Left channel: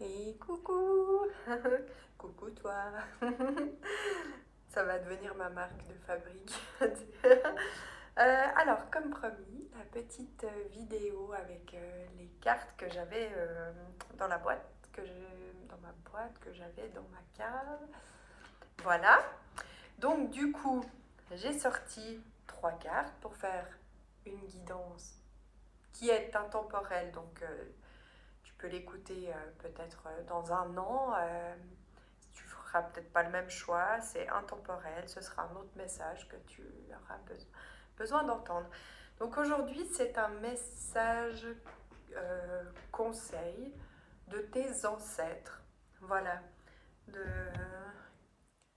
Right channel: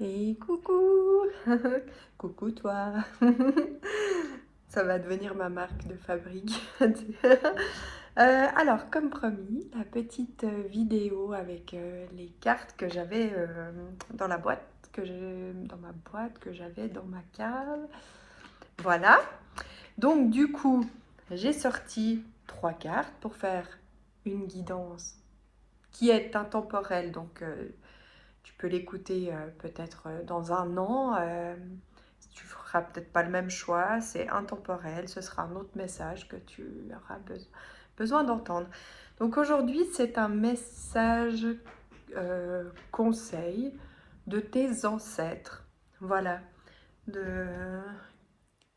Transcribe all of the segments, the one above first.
Et coucou! Coucou toi! Ça va devenir ma marque de fabrique. Alors, comme promis, la petite vidéo avec les cartes que j'avais dans la boîte, dans ma boîte que j'avais dans ma cave. Voilà. Donc, du coup, j'ai sorti 3 cartes pour faire une guidance qui est intemporelle. Donc, tu peux l'écouter peut-être dans un an. Tu feras peut-être pas le même choix. C'est intemporel. Ce sera un autre message que tu auras besoin d'entendre. Donc aujourd'hui, c'est un message conseil de tes ancêtres. Voilà. De,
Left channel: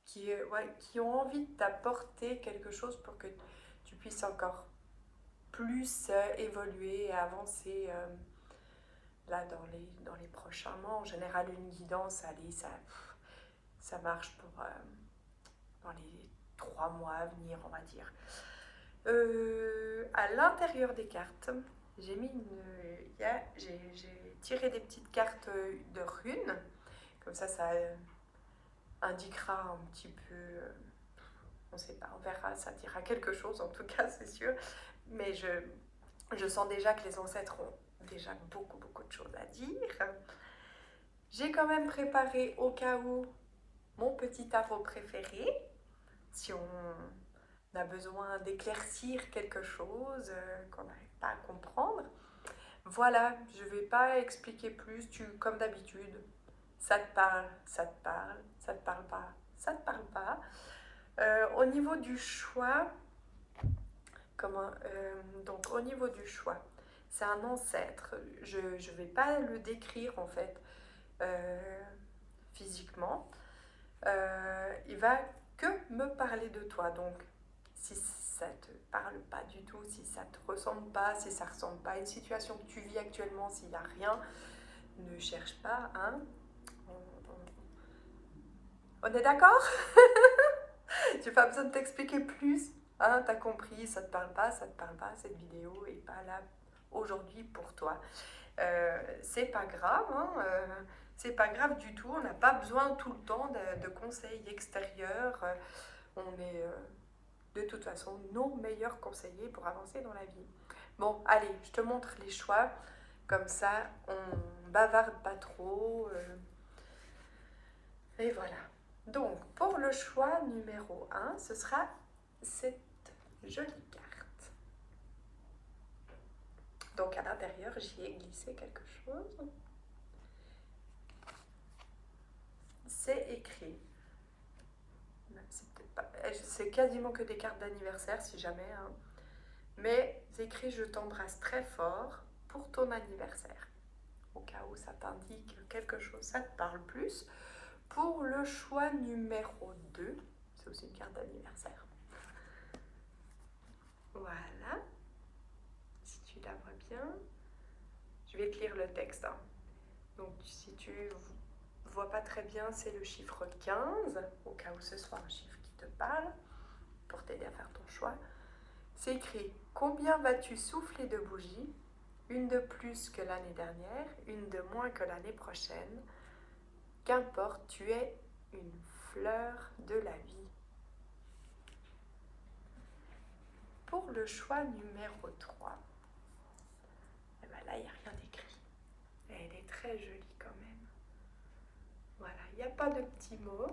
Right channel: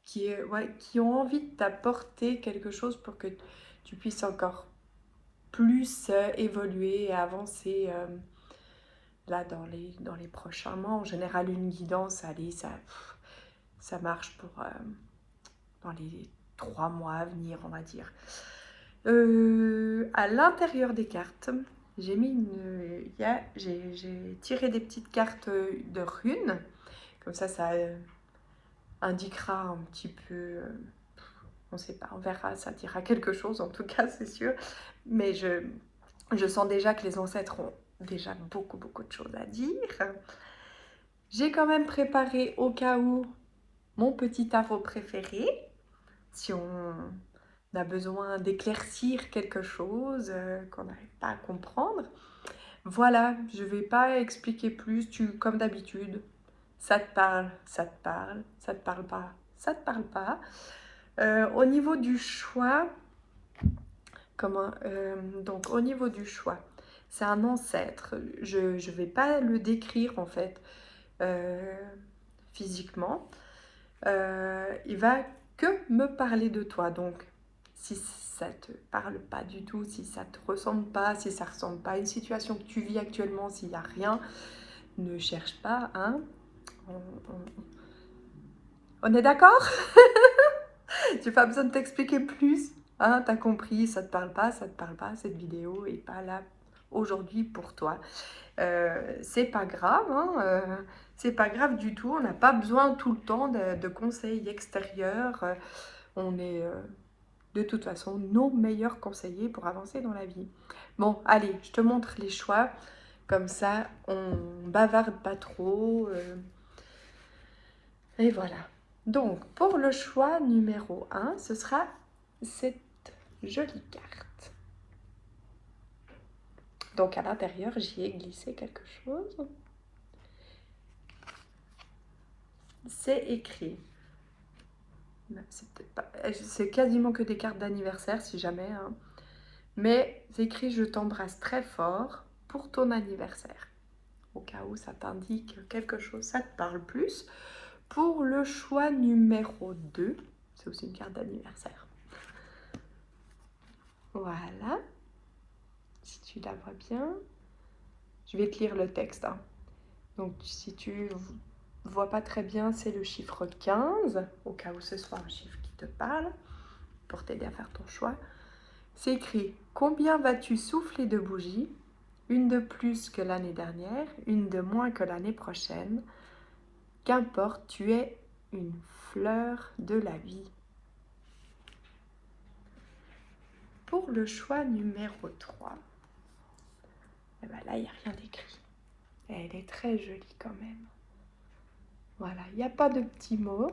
qui ont envie de t'apporter quelque chose pour que tu puisses encore plus évoluer et avancer là dans les prochains mois. En général, une guidance, allez, ça marche pour dans les 3 mois à venir, on va dire. À l'intérieur des cartes, j'ai mis j'ai tiré des petites cartes de runes. Comme ça indiquera un petit peu, on ne sait pas, on verra, ça dira quelque chose en tout cas, c'est sûr. Mais je sens déjà que les ancêtres ont déjà beaucoup de choses à dire. J'ai quand même préparé au cas où mon petit tarot préféré, si on a besoin d'éclaircir quelque chose qu'on n'arrive pas à comprendre. Voilà, je ne vais pas expliquer plus, comme d'habitude, ça te parle, ça te parle, ça te parle pas, ça te parle pas. Au niveau du choix, donc au niveau du choix, c'est un ancêtre. Je ne vais pas le décrire en fait physiquement. Il va que me parler de toi. Donc, si ça te parle pas du tout, si ça te ressemble pas, si ça ressemble pas à une situation que tu vis actuellement, s'il n'y a rien, ne cherche pas, hein. On est d'accord? J'ai pas besoin de t'expliquer plus. Hein, t'as compris, ça te parle pas, cette vidéo est pas là aujourd'hui pour toi. C'est pas grave, hein, c'est pas grave du tout. On n'a pas besoin tout le temps de conseils extérieurs. On est de toute façon nos meilleurs conseillers pour avancer dans la vie. Bon, allez, je te montre les choix. Comme ça, on bavarde pas trop. Et voilà. Donc, pour le choix numéro 1, ce sera cette jolie carte. Donc, à l'intérieur, j'y ai glissé quelque chose. C'est écrit. C'est quasiment que des cartes d'anniversaire, si jamais. Hein. Mais c'est écrit « Je t'embrasse très fort pour ton anniversaire ». Au cas où ça t'indique quelque chose, ça te parle plus. Pour le choix numéro 2, c'est aussi une carte d'anniversaire. Voilà. Si tu la vois bien. Je vais te lire le texte. Hein. Donc, si tu vois pas très bien, c'est le chiffre 15, au cas où ce soit un chiffre qui te parle, pour t'aider à faire ton choix. C'est écrit « Combien vas-tu souffler de bougies? Une de plus que l'année dernière, une de moins que l'année prochaine. Qu'importe, tu es une fleur de la vie. » Pour le choix numéro 3, eh ben là, il n'y a rien d'écrit. Elle est très jolie quand même. Voilà, il n'y a pas de petits mots.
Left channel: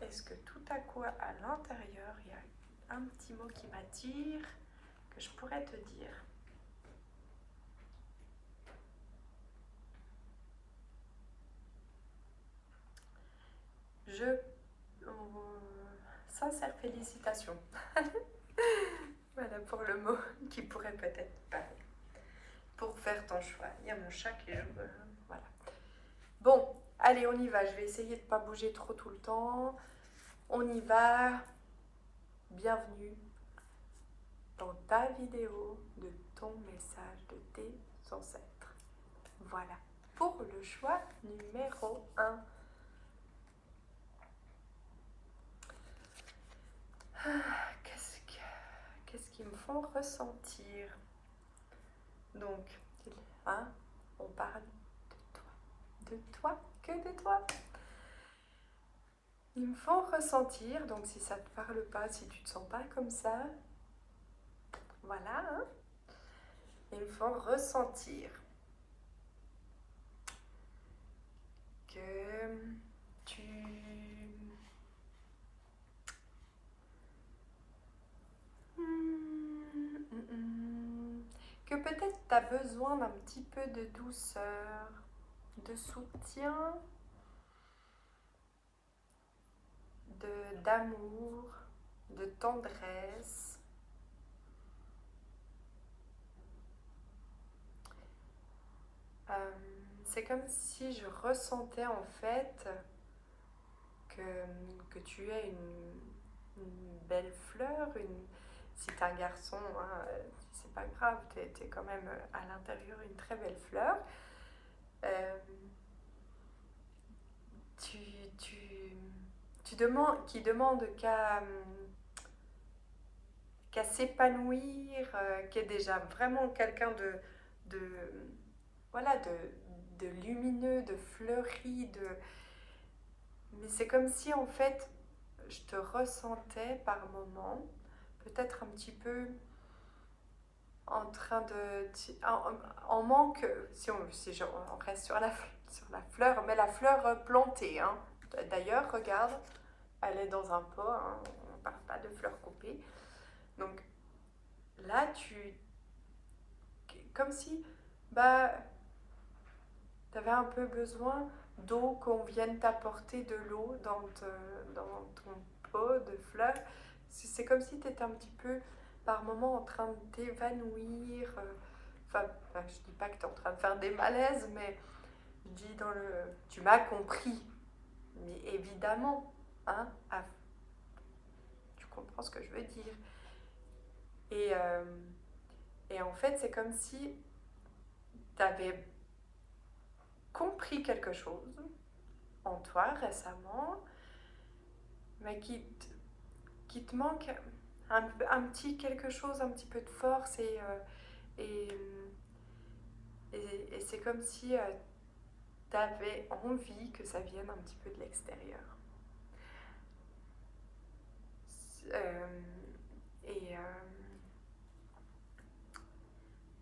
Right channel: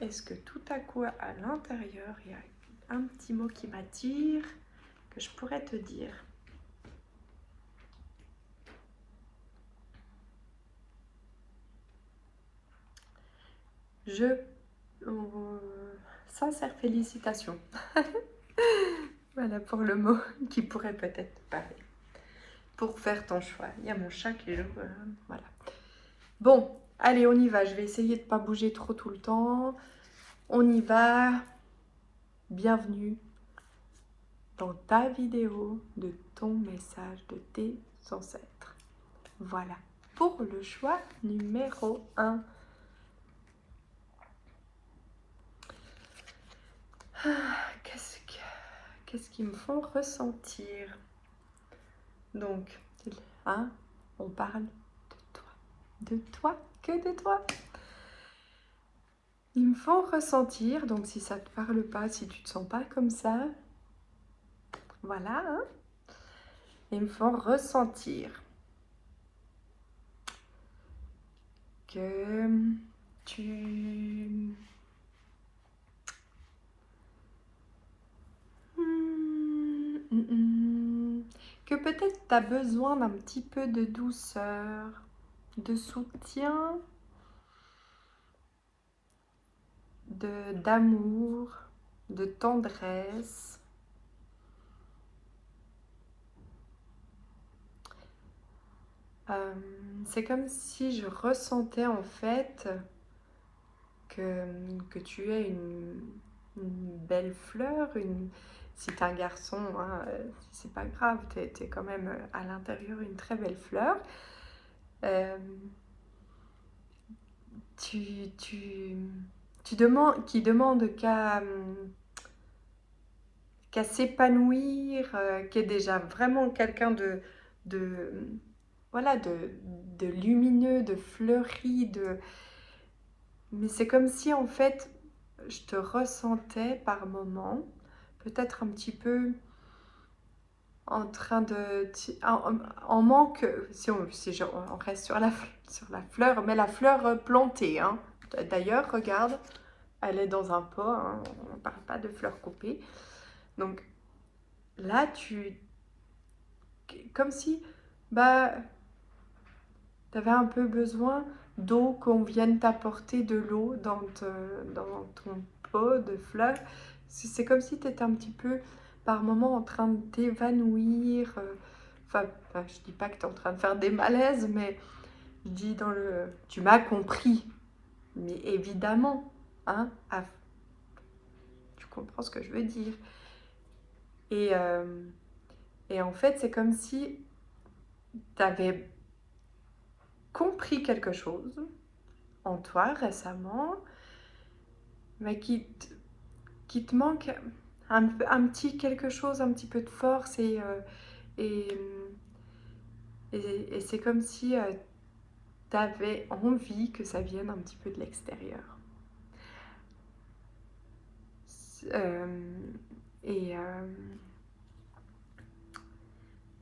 Est-ce que tout à coup, à l'intérieur, il y a un petit mot qui m'attire, que je pourrais te dire? Sincère félicitations. Voilà pour le mot qui pourrait peut-être parler. Pour faire ton choix. Il y a mon chat qui joue. Voilà. Bon, allez, on y va. Je vais essayer de ne pas bouger trop tout le temps. On y va. Bienvenue dans ta vidéo de ton message de tes ancêtres. Voilà. Pour le choix numéro 1. Qu'est-ce qu'ils me font ressentir? Donc, hein, on parle de toi, que de toi. Il me faut ressentir, donc si ça te parle pas, si tu te sens pas comme ça, voilà, hein, il me faut ressentir que tu... Que peut-être tu as besoin d'un petit peu de douceur, de soutien, d'amour, de tendresse. Euh, c'est comme si je ressentais en fait que tu es une belle fleur, si tu es un garçon, hein, c'est pas grave, tu es, quand même à l'intérieur une très belle fleur. Euh, tu, tu, qui demande qu'à s'épanouir, qui est déjà vraiment quelqu'un de, voilà, de lumineux, de fleuri, mais c'est comme si en fait je te ressentais par moments, peut-être un petit peu en train de... en manque, on reste sur la fleur, mais la fleur plantée. Hein. D'ailleurs, regarde, elle est dans un pot, hein, on ne parle pas de fleurs coupées. Donc là, comme si bah, tu avais un peu besoin d'eau, qu'on vienne t'apporter de l'eau dans ton pot de fleurs. C'est comme si tu étais un petit peu par moment en train de t'évanouir. Enfin, je dis pas que tu es en train de faire des malaises, mais je dis dans le... Tu m'as compris. Mais évidemment, hein, tu comprends ce que je veux dire. Et, euh, et en fait, c'est comme si tu avais compris quelque chose en toi récemment, mais qui te manque un petit quelque chose, un petit peu de force et, et c'est comme si tu avais envie que ça vienne un petit peu de l'extérieur. Euh, et, euh,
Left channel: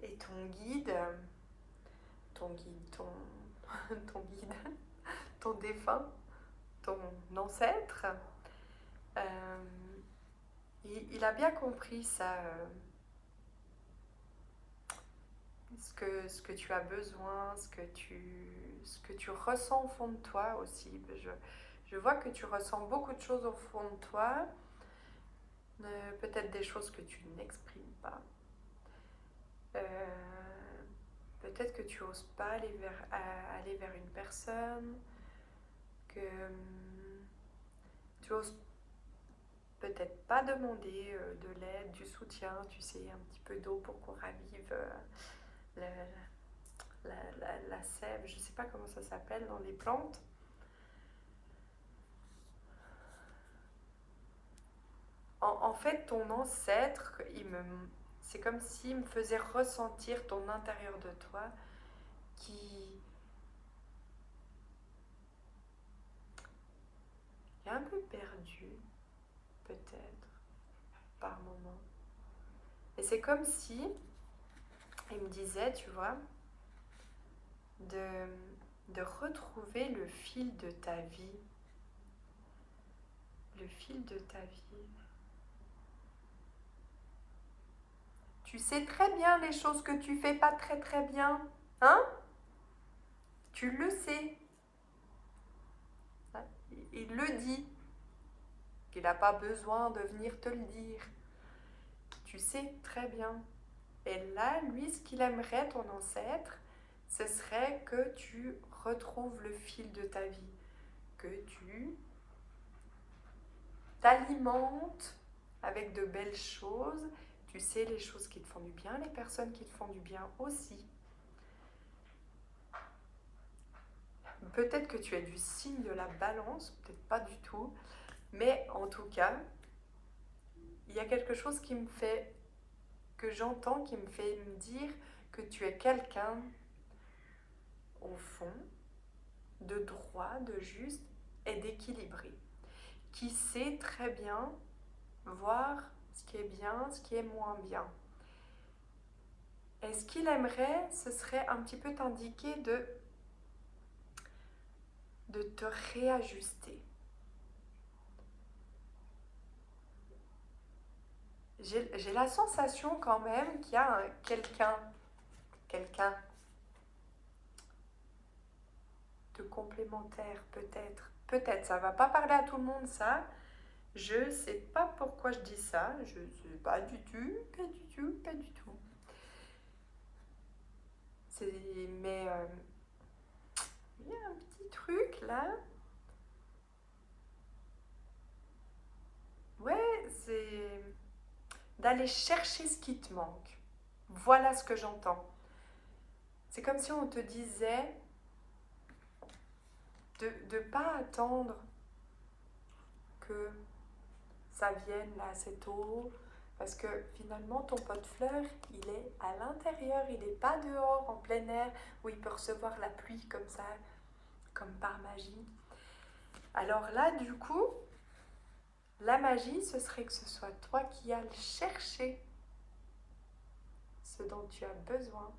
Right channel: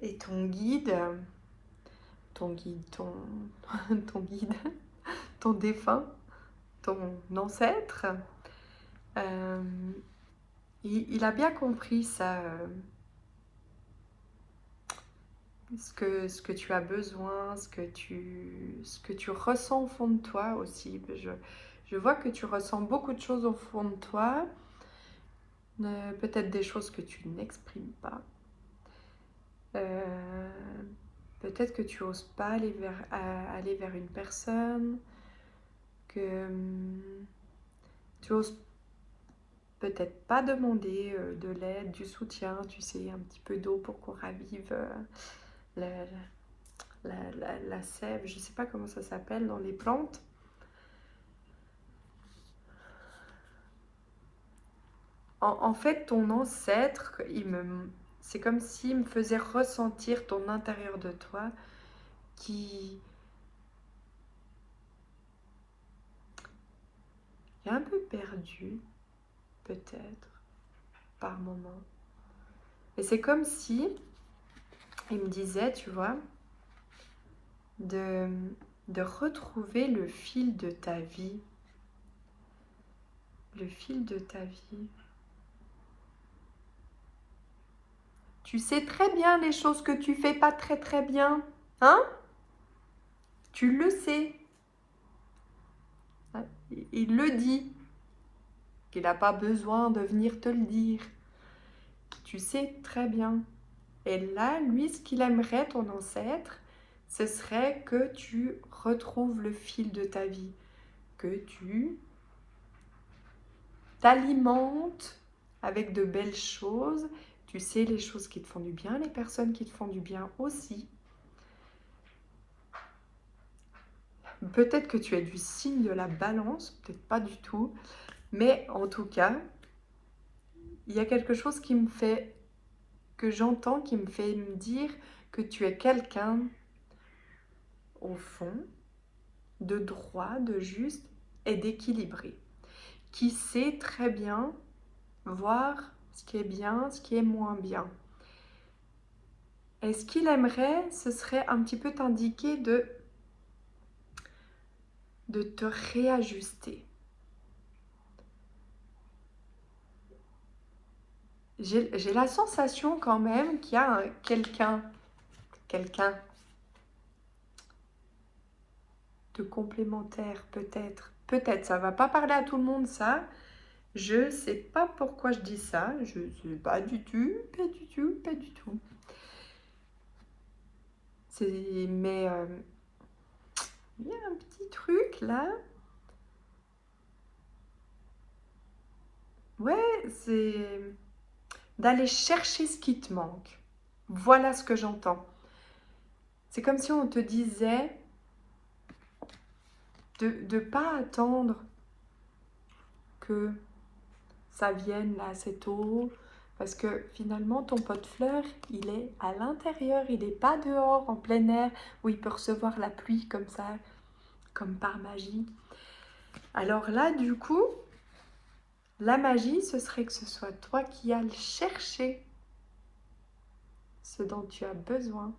et ton guide, ton défunt, ton ancêtre, euh, il a bien compris ça, ce que tu as besoin, ce que tu ressens au fond de toi aussi. Je vois que tu ressens beaucoup de choses au fond de toi, peut-être des choses que tu n'exprimes pas. Euh, Peut-être que tu n'oses pas aller vers une personne, que tu oses peut-être pas demander de l'aide, du soutien, tu sais, un petit peu d'eau pour qu'on ravive la, la sève, je sais pas comment ça s'appelle dans les plantes. En fait, ton ancêtre, c'est comme s'il me faisait ressentir ton intérieur de toi qui est un peu perdu, peut-être, par moment. Et c'est comme si il me disait, tu vois, de, de retrouver le fil de ta vie. Le fil de ta vie. Tu sais très bien les choses que tu fais pas très très bien. Hein? Tu le sais. Il le dit. Qu'il n'a pas besoin de venir te le dire. Tu sais très bien. Et là, lui, ce qu'il aimerait, ton ancêtre, ce serait que tu retrouves le fil de ta vie. Que tu t'alimentes avec de belles choses. Tu sais les choses qui te font du bien, les personnes qui te font du bien aussi. Peut-être que tu es du signe de la balance, peut-être pas du tout, mais en tout cas, il y a quelque chose qui me fait, que j'entends, qui me fait me dire que tu es quelqu'un, au fond, de droit, de juste et d'équilibré, qui sait très bien voir ce qui est bien, ce qui est moins bien. Et ce qu'il aimerait, ce serait un petit peu t'indiquer de te réajuster. J'ai la sensation quand même qu'il y a quelqu'un de complémentaire, peut-être. Peut-être, ça va pas parler à tout le monde, ça. Je sais pas pourquoi je dis ça. Je sais pas du tout, pas du tout, pas du tout. Mais il y a un petit truc là. Ouais, c'est d'aller chercher ce qui te manque. Voilà ce que j'entends. C'est comme si on te disait de ne pas attendre que ça vienne là assez tôt, parce que finalement ton pot de fleurs, il est à l'intérieur, il n'est pas dehors en plein air où il peut recevoir la pluie comme ça, comme par magie. Alors là, du coup, la magie, ce serait que ce soit toi qui ailles chercher ce dont tu as besoin,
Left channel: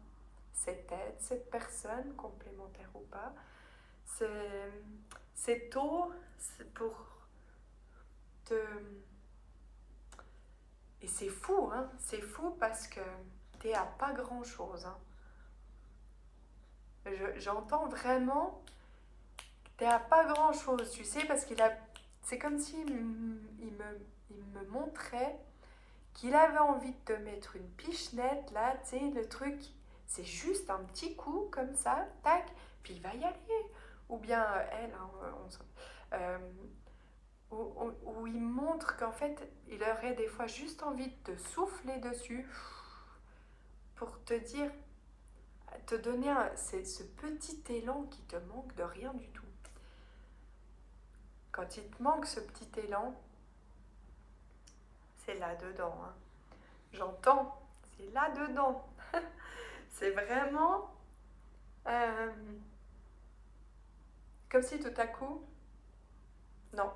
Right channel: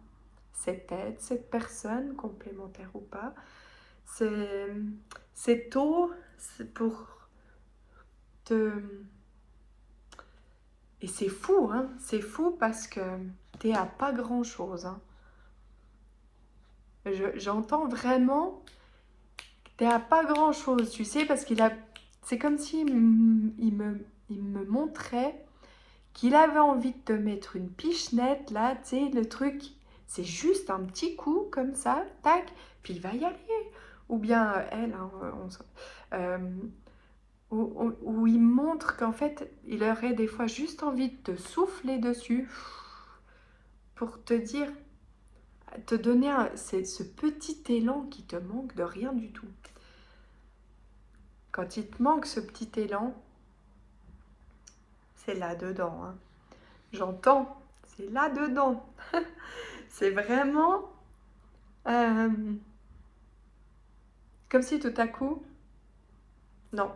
cette aide, cette personne, complémentaire ou pas. C'est tôt, c'est pour te... Et c'est fou, hein, c'est fou parce que t'es à pas grand-chose. Hein. J'entends vraiment que t'es à pas grand-chose, tu sais, parce qu'il a... C'est comme s'il il me montrait qu'il avait envie de te mettre une pichenette, là, tu sais, le truc, c'est juste un petit coup, comme ça, tac, puis il va y aller. Ou bien elle, hein, euh, où il montre qu'en fait, il aurait des fois juste envie de te souffler dessus pour te dire, te donner ce petit élan qui te manque de rien du tout. Quand il te manque ce petit élan, c'est là-dedans. Hein. J'entends, c'est là-dedans. C'est vraiment euh, comme si tout à coup, non,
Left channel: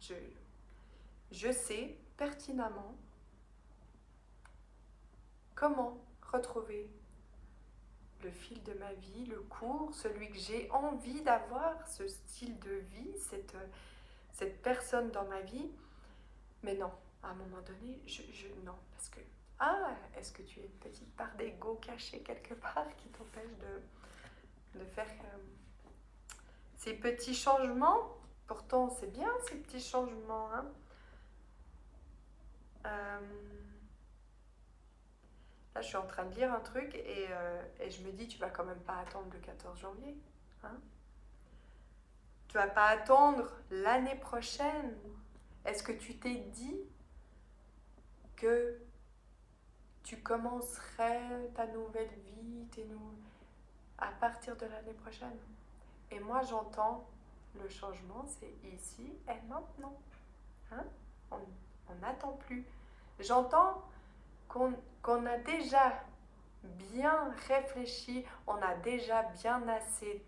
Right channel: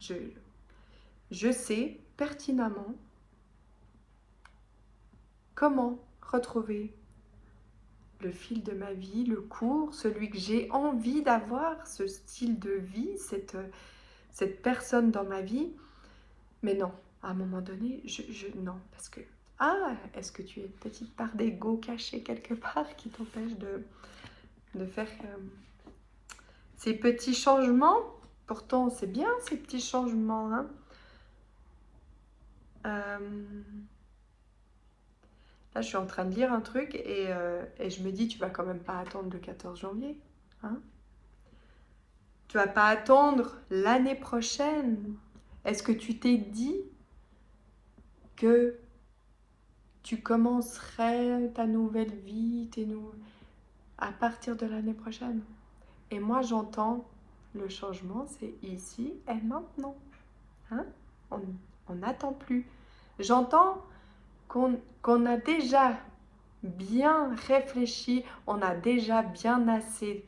je sais pertinemment comment retrouver le fil de ma vie, le cours, celui que j'ai envie d'avoir, ce style de vie, cette personne dans ma vie. Mais non, à un moment donné, non, parce que, ah, est-ce que tu as une petite part d'ego cachée quelque part qui t'empêche de faire ces petits changements? Pourtant, c'est bien ces petits changements, hein. Là, je suis en train de lire un truc et je me dis, tu vas quand même pas attendre le 14 janvier, hein? Tu vas pas attendre l'année prochaine. Est-ce que tu t'es dit que tu commencerais ta nouvelle vie, à partir de l'année prochaine? Et moi, j'entends le changement, c'est ici et maintenant. Hein? On n'attend plus. J'entends qu'on a déjà bien réfléchi, on a déjà bien assez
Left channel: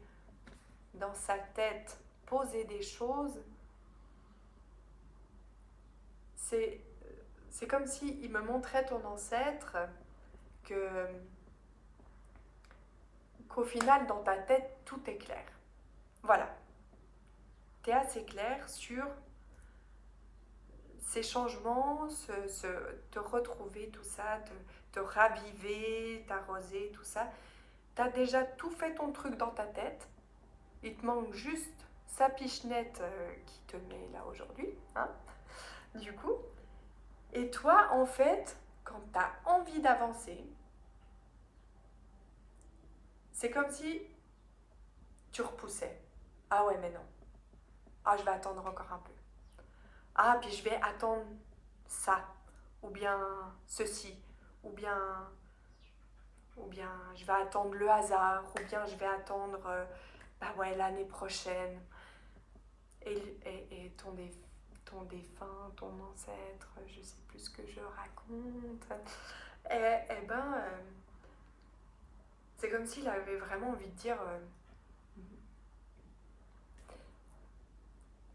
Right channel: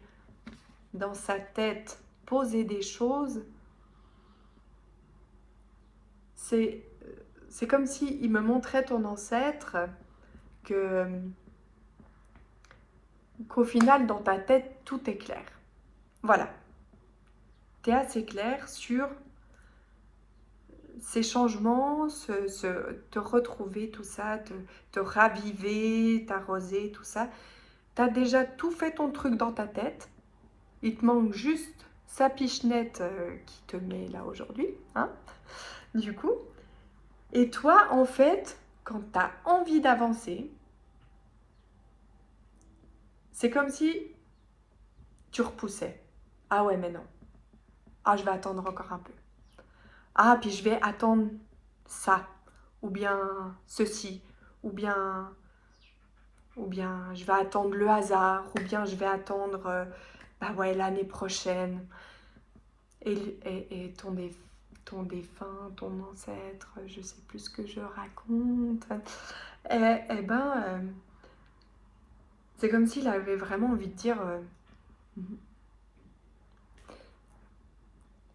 dans sa tête posé des choses. C'est comme si il me montrait ton ancêtre qu'au final dans ta tête tout est clair. Voilà. Tu es assez clair sur ces changements, te retrouver, tout ça, te raviver, t'arroser, tout ça. Tu as déjà tout fait ton truc dans ta tête. Il te manque juste sa pichenette qui te met là aujourd'hui, hein, du coup. Et toi, en fait, quand tu as envie d'avancer, c'est comme si tu repoussais. Ah ouais, mais non. Ah, je vais attendre encore un peu. Ah, puis je vais attendre ça, ou bien ceci, ou bien je vais attendre le hasard, ou bien je vais attendre, bah ouais, l'année prochaine. Et ton défunt, ton ancêtre, je sais plus ce que je raconte. Eh ben, c'est comme s'il avait vraiment envie de dire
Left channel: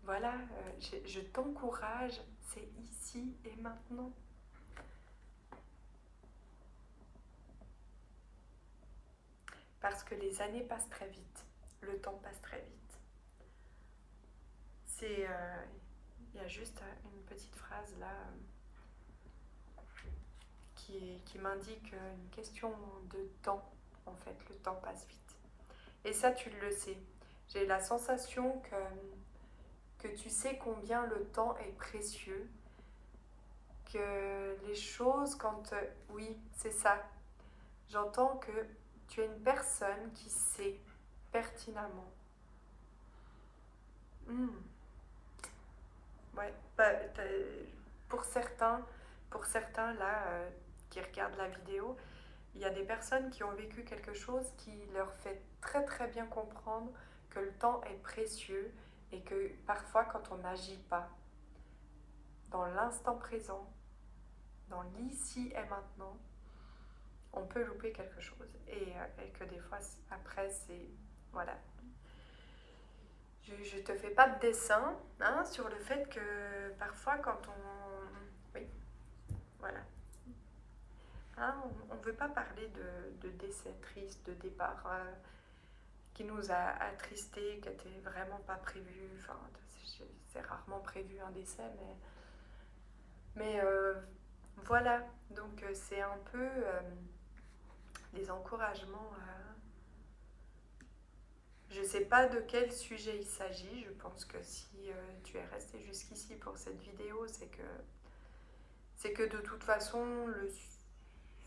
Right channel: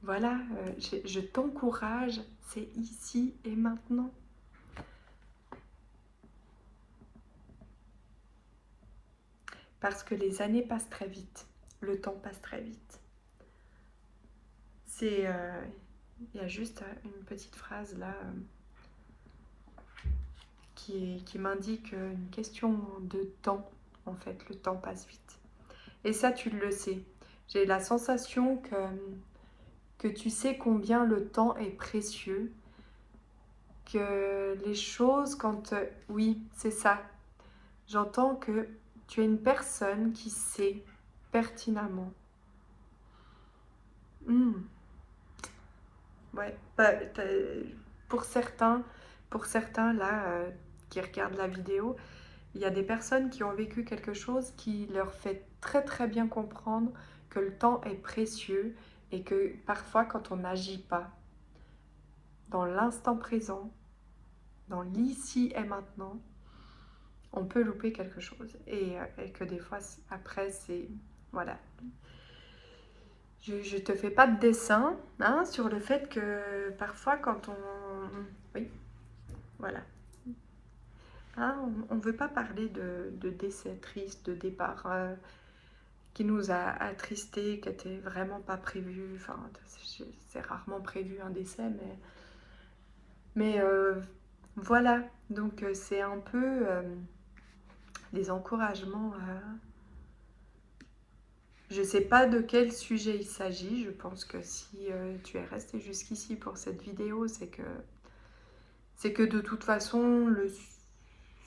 voilà, je t'encourage, c'est ici et maintenant. Parce que les années passent très vite, le temps passe très vite. C'est, il y a juste une petite phrase là qui m'indique une question de temps. En fait, le temps passe vite. Et ça, tu le sais. J'ai la sensation que tu sais combien le temps est précieux, que les choses, quand... oui, c'est ça. J'entends que tu es une personne qui sait pertinemment. Hmm, ouais, bah, pour certains, pour certains là, qui regardent la vidéo, il y a des personnes qui ont vécu quelque chose qui leur fait très très bien comprendre que le temps est précieux et que parfois quand on n'agit pas dans l'instant présent, dans l'ici et maintenant, on peut louper quelque chose. Et que des fois, après, c'est... Voilà. Je te fais pas de dessin hein, sur le fait que parfois quand on... Oui, voilà. Hein, on ne veut pas parler de décès triste, de départ qui nous a attristés, qui n'était vraiment pas prévu. Enfin, c'est rarement prévu un décès, mais voilà. Donc c'est un peu des encouragements. Je ne sais pas de quel sujet il s'agit. Je pense que si tu es resté jusqu'ici pour cette vidéo, c'est que de toute façon,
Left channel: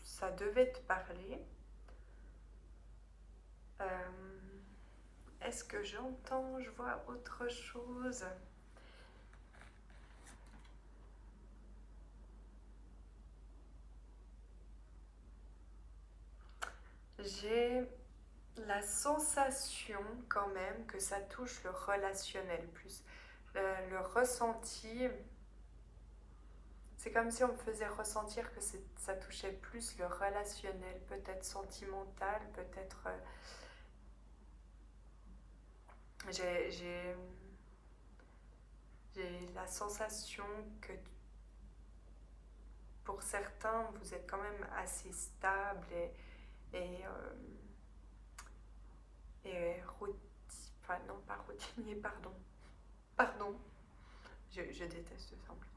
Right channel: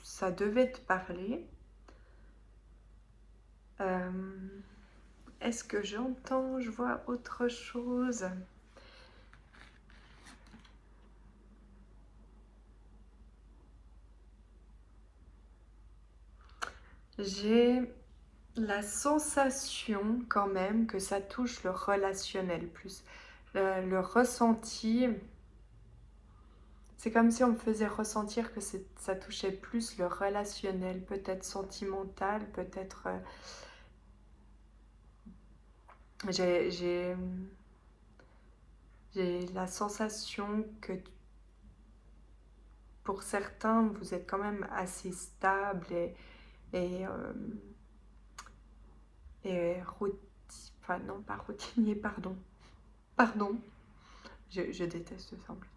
ça devait te parler. Euh, Est-ce que j'entends, je vois autre chose? J'ai la sensation quand même que ça touche le relationnel plus. Le ressenti, c'est comme si on me faisait ressentir que ça touchait plus le relationnel, peut-être sentimental, peut-être... j'ai la sensation que pour certains, vous êtes quand même assez stable et, euh, et enfin non, pas routinier, pardon. Pardon, je déteste ça en plus.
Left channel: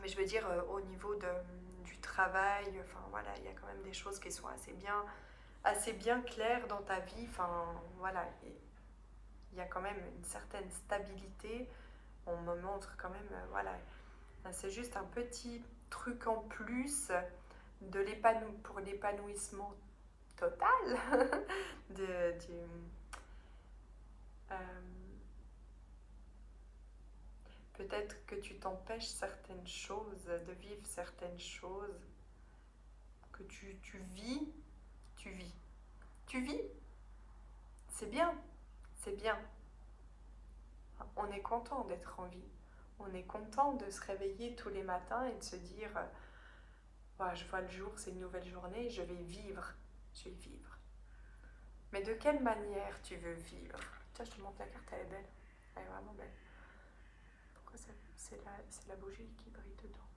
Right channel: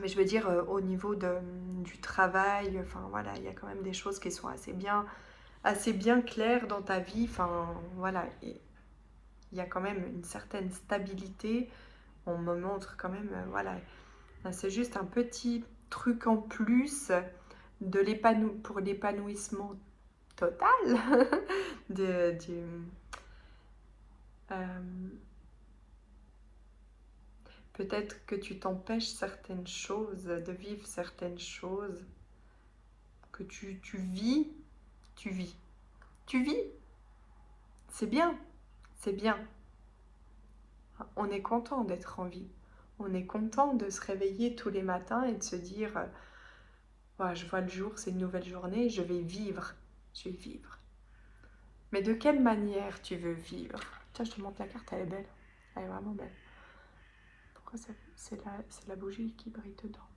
Mais je veux dire, au niveau du travail, enfin voilà, il y a quand même des choses qui sont assez bien claires dans ta vie. Enfin voilà, il y a quand même une certaine stabilité. On me montre quand même, voilà, c'est juste un petit truc en plus pour l'épanouissement total du, euh, peut-être que tu t'empêches certaines choses, de vivre certaines choses, que tu vis, tu vis. Tu vis, c'est bien, c'est bien. On est content d'être en vie. On est content de se réveiller tous les matins et de se dire, ouais, je vois le jour, c'est une nouvelle journée, je vais vivre. Je vais vivre. Mais de quelle manière tu veux vivre? Tiens, je te montre la carte, elle est belle. Elle est vraiment belle. Pourquoi c'est la bougie qui brille dedans?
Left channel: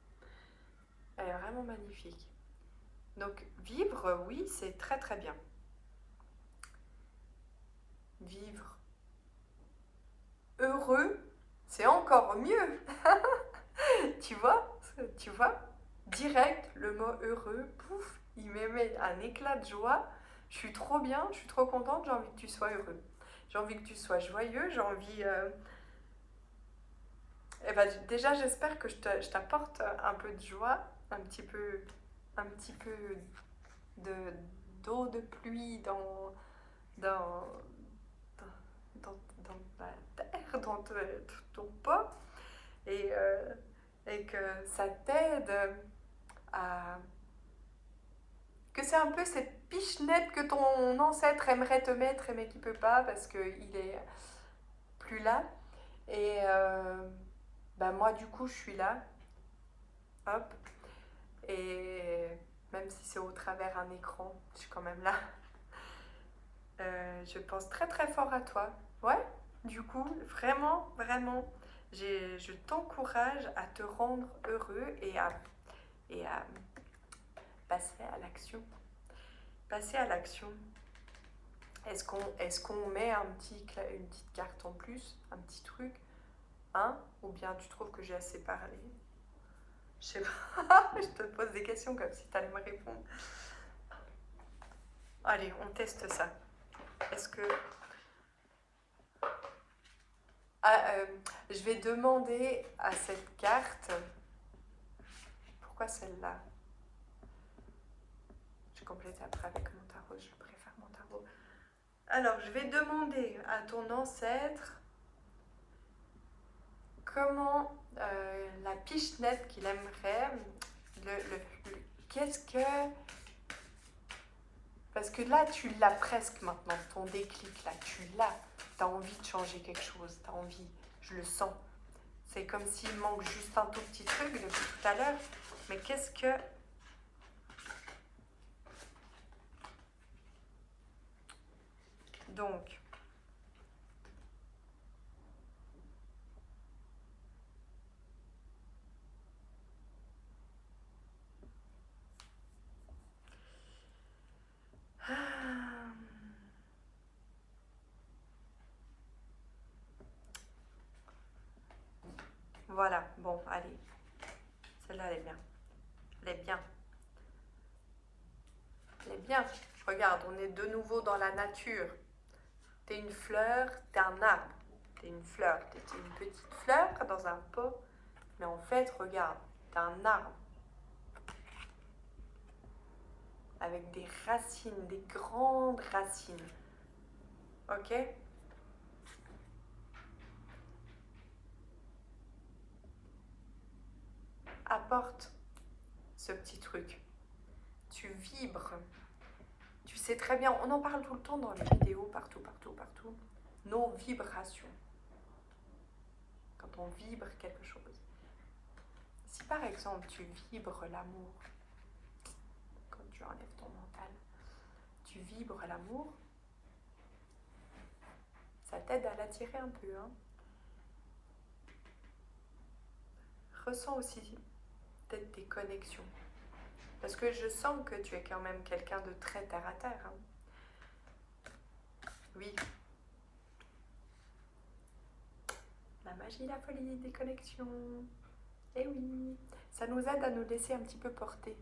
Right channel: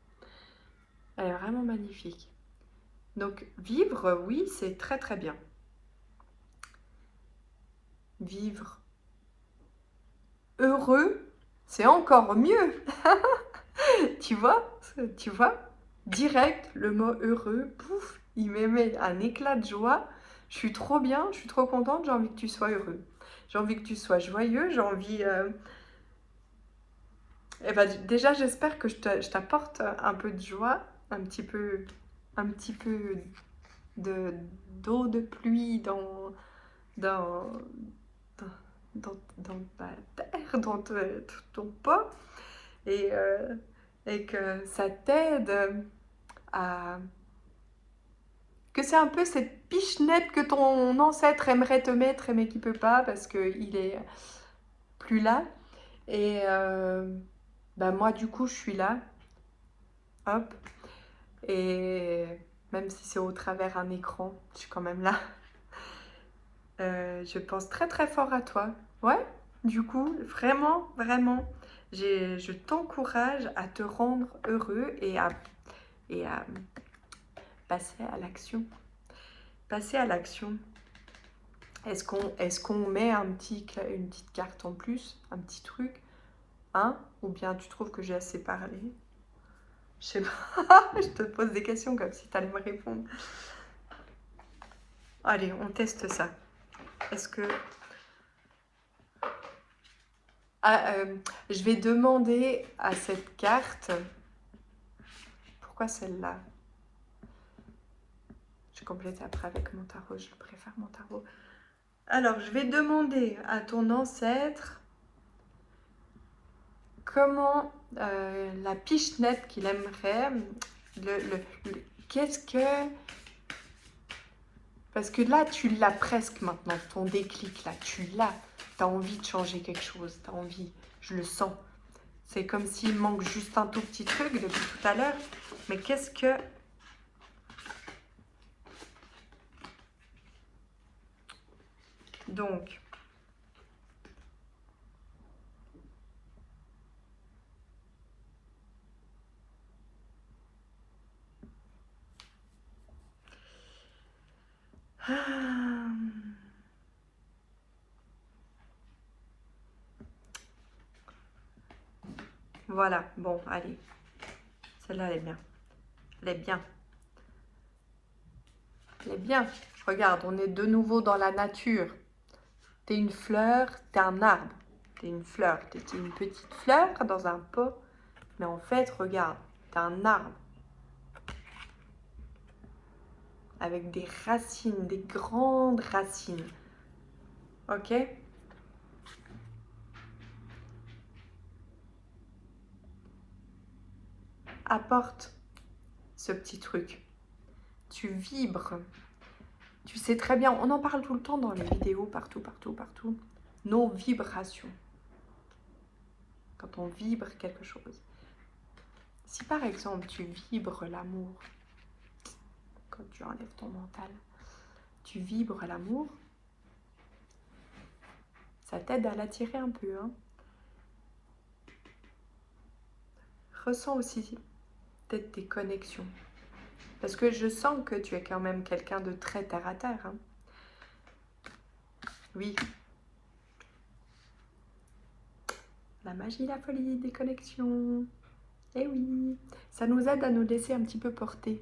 Elle est vraiment magnifique. Donc, vivre, oui, c'est très très bien. Vivre heureux, c'est encore mieux. Tu vois? Tu vois? Direct, le mot heureux, pouf, il me met un éclat de joie. Je suis trop bien, je suis trop contente, j'ai envie que tu sois heureux. J'ai envie que tu sois joyeux, j'ai envie... Eh ben, déjà, j'espère que je t'apporte un peu de joie, un petit peu de d'eau de pluie dans, dans ta terre, dans ton pot, et, euh, et que ça t'aide à... Que c'est un peu cette pichenette que ton ancêtre aimerait te mettre, mais qui peut pas parce qu'il est plus là. Et ben moi, du coup, je suis là, hop, et même si c'est au travers un écran, je suis quand même là. Je pense très très fort à toi. Ouais, Du coup, vraiment, vraiment, je t'encourage à te rendre heureux et à passer à l'action. Passer à l'action. Est-ce qu'on met une petite carte en plus, un petit truc, hein? Ou bien tu trouves que j'ai assez parlé? Je sais pas, je te pose des questions comme si tu allais me répondre. Allez, on teste ça. Est-ce que... Ah, je vais demander à cette carte... Pourquoi celle-là? Je complète après avec mon tarot, je préfère mon tarot. Alors, je vais demander à ton ancêtre comment la pichenette qu'il aimerait, qu'est-ce que... Parce que là, tu l'as presque maintenant, ton déclic, là, tu l'as. Tu as envie de changer quelque chose, tu as envie, je le sens. C'est comme s'il manque juste un tout petit truc depuis tout à l'heure. Mais qu'est-ce que... Donc... Voilà, bon, allez. Celle-là, elle est bien. Elle est bien. Elle est bien. Regarde, on est de nouveau dans la nature. T'es une fleur, t'es un arbre. T'es une fleur, t'es une petite fleur dans un pot. Mais en fait, regarde, t'es un arbre. Avec des racines, des grandes racines. Ok? Apporte ce petit truc. Tu vibres. Tu sais très bien, on en parle tout le temps dans les vidéos, partout, partout, partout. Nos vibrations. Quand on vibre quelque chose. Si par exemple tu vibres l'amour, quand tu enlèves ton mental, tu vibres l'amour, ça t'aide à l'attirer un peu. Hein. Ressens aussi peut-être tes connexions. Parce que je sens que tu es quand même quelqu'un de très terre à terre. Hein. Oui. La magie, la folie des connexions. Eh oui, ça nous aide à nous laisser un petit peu porter.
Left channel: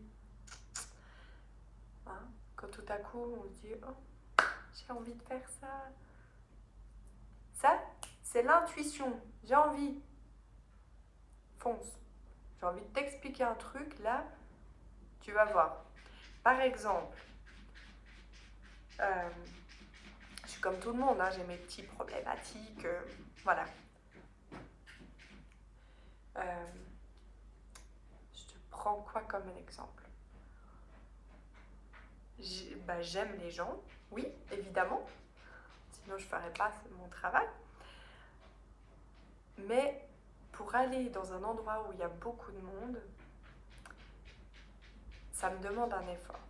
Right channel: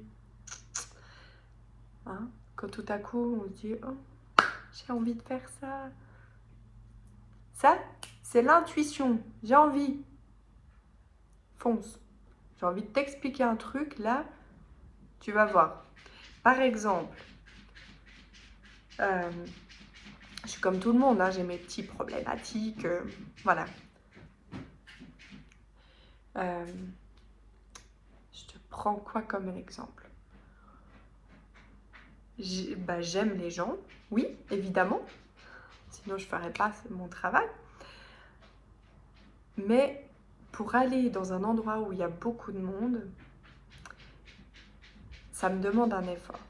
Hein? Quand tout à coup on se dit, oh, j'ai envie de faire ça. Ça, c'est l'intuition. J'ai envie. Fonce. J'ai envie de t'expliquer un truc, là, tu vas voir. Par exemple, je suis comme tout le monde, hein, j'ai mes petits problématiques, voilà. Je te prends quoi comme exemple? J'aime les gens, oui, évidemment. Sinon, je ne ferais pas mon travail. Mais pour aller dans un endroit où il y a beaucoup de monde, ça me demande un effort.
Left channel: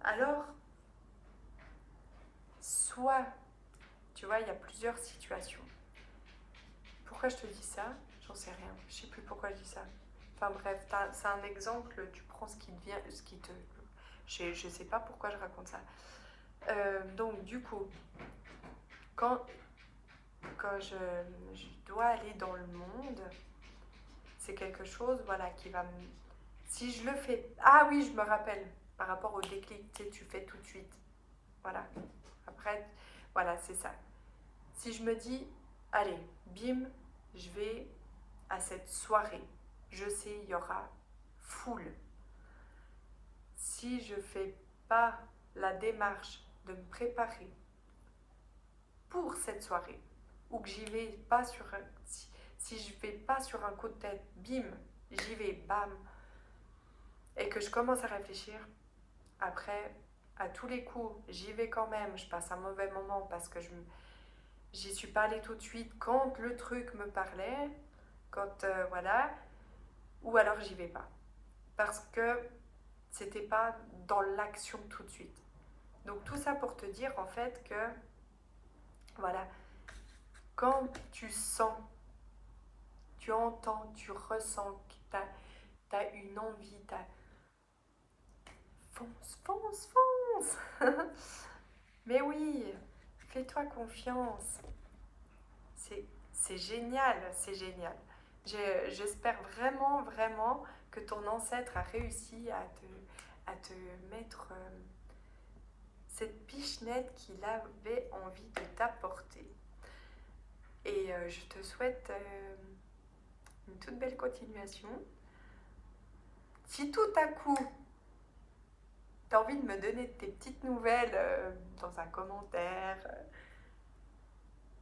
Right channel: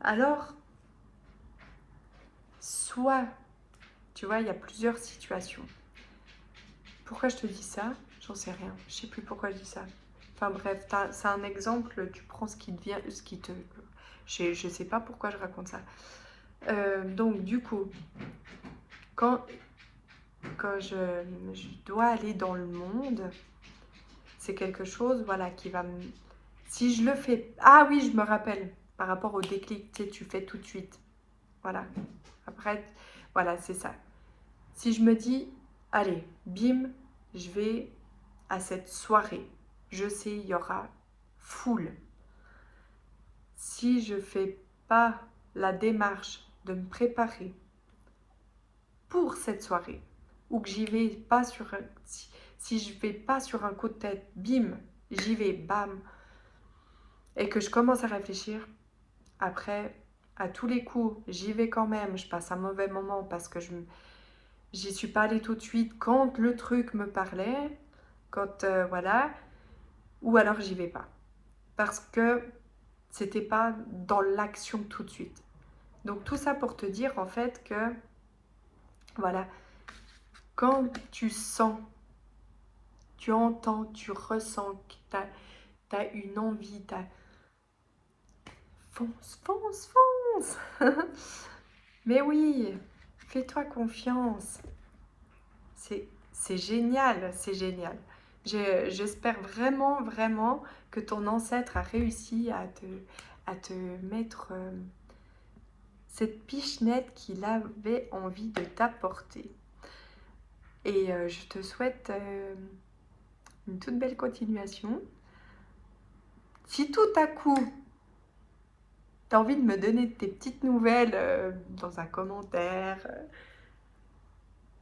Alors, soit, tu vois, il y a plusieurs situations. Pourquoi je te dis ça? J'en sais rien. Je sais plus pourquoi je dis ça. Enfin bref, c'est un exemple, tu prends ce qui te vient, ce qui te... Je sais pas pourquoi je raconte ça. Donc du coup, quand je dois aller dans le monde, c'est quelque chose, voilà, qui va me... Si je le fais... Ah oui, je me rappelle, par rapport au déclic, tu sais, tu fais tout de suite. Voilà. Après, voilà, c'est ça. Si je me dis, allez, bim, je vais à cette soirée. Je sais, il y aura foule. Si je fais pas la démarche de me préparer pour cette soirée, ou que j'y vais pas sur un, si je vais pas sur un coup de tête, bim, j'y vais, bam, et que je commence à réfléchir, après, à tous les coups, j'y vais quand même, je passe un mauvais moment parce que j'y suis pas allée tout de suite quand le truc me parlait, quand, voilà, ou alors j'y vais pas. Parce que c'était pas dans l'action tout de suite. Donc tout ça pour te dire en fait que Voilà. Quand tu sens, tu entends, tu ressens que tu as une envie, fonce, fonce, fonce. Mais oui, fais-toi confiance. C'est génial, c'est génial. J'espère vraiment, vraiment que ton ancêtre a réussi à te mettre cette pichenette qu'il avait envie de t'apporter. Et je te souhaite une toute belle continuation. Si tout à coup, tu as envie de me donner tes petites nouvelles dans un commentaire,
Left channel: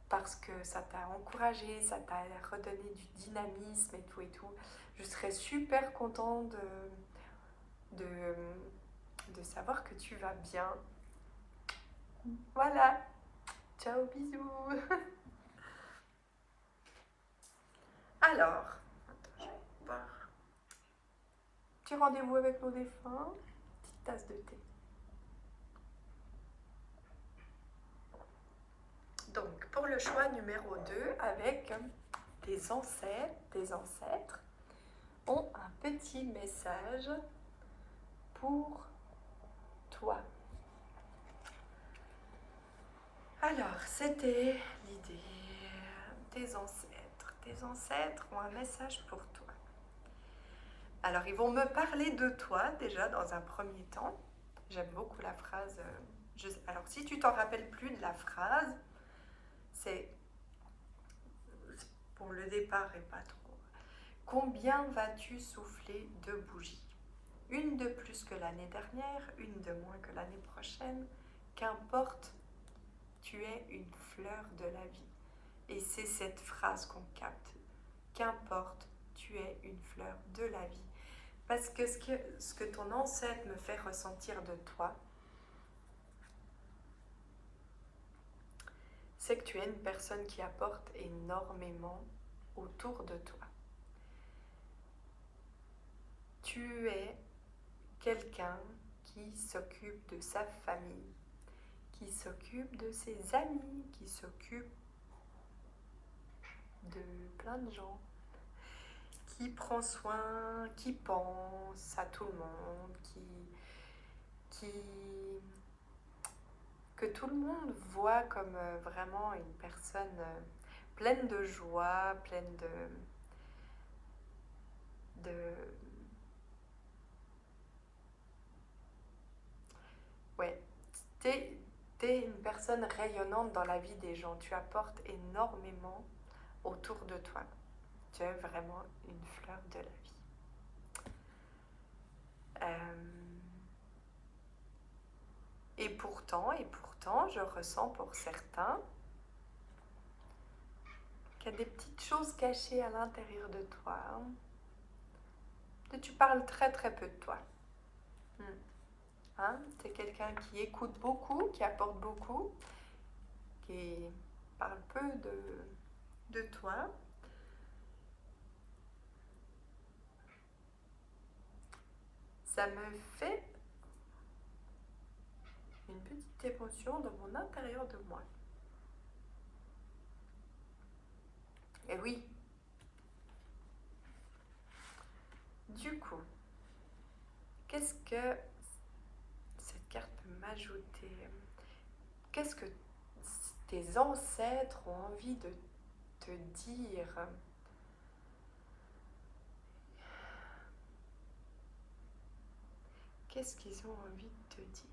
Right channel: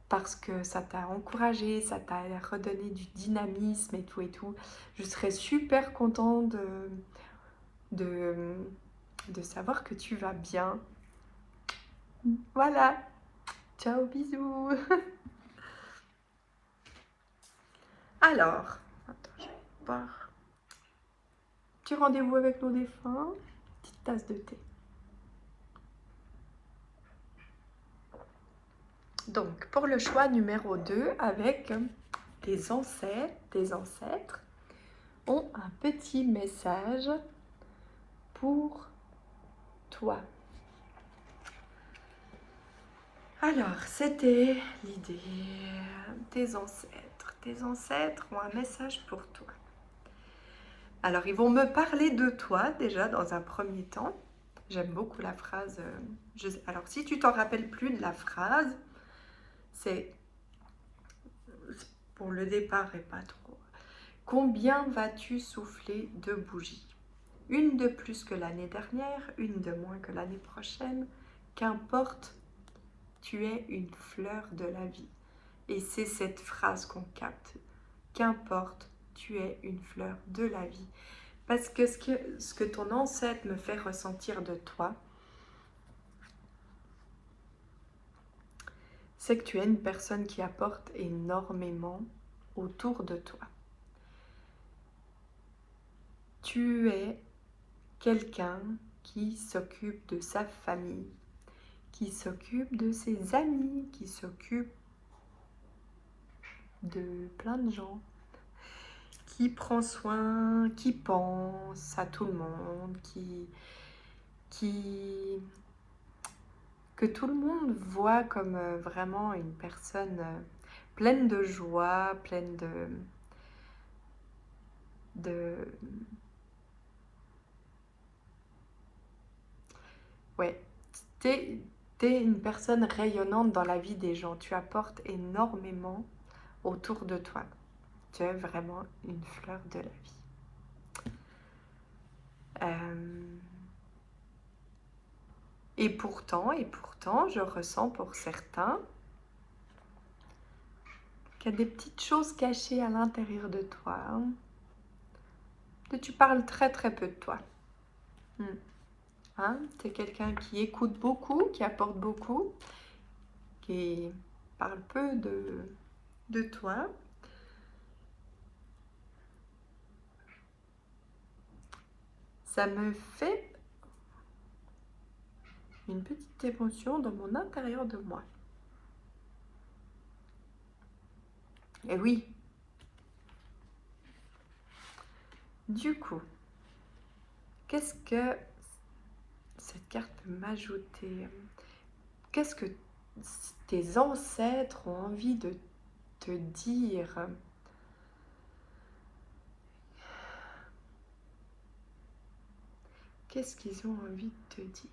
parce que ça t'a encouragé, ça t'a redonné du dynamisme et tout, je serais super contente de, de savoir que tu vas bien. Voilà, ciao, bisous. Alors, attends, je vais voir. Petit rendez-vous avec nos défunts, petite tasse de thé. Donc, pour le choix numéro 2, avec tes ancêtres ont un petit message pour toi. Alors, c'était l'idée. Tes ancêtres ont un message pour toi. Alors, ils vont me parler de toi déjà dans un premier temps. J'aime beaucoup la phrase. Alors, si tu t'en rappelles plus de la phrase, c'est pour le départ et pas trop. Combien vas-tu souffler de bougies? Une de plus que l'année dernière, une de moins que l'année prochaine. Qu'importe, tu es une fleur de la vie. Et c'est cette phrase qu'on capte. Qu'importe, tu es une fleur de la vie. Parce que ce que ton ancêtre me fait ressentir de toi, c'est que tu es une personne qui apporte énormément autour de toi. Tu es quelqu'un qui s'occupe de sa famille, qui s'occupe de ses amis, qui s'occupe de plein de gens, qui prend soin, qui pense à tout le monde, que tout le monde voit comme vraiment une personne pleine de joie, pleine de ouais, t'es une personne rayonnante dans la vie des gens. Tu apportes énormément autour de toi. Tu es vraiment une fleur de la vie. Et pourtant, je ressens pour certains qu'il y a des petites choses cachées à l'intérieur de toi. Que tu parles très très peu de toi. Hein? Tu es quelqu'un qui écoute beaucoup, qui apporte beaucoup, qui parle peu de toi. Ça me fait une petite émotion dans mon intérieur de moi. Et oui. Du coup, qu'est-ce que cette carte peut m'ajouter? Qu'est-ce que tes ancêtres ont envie de te dire? Qu'est-ce qu'ils ont envie de te dire?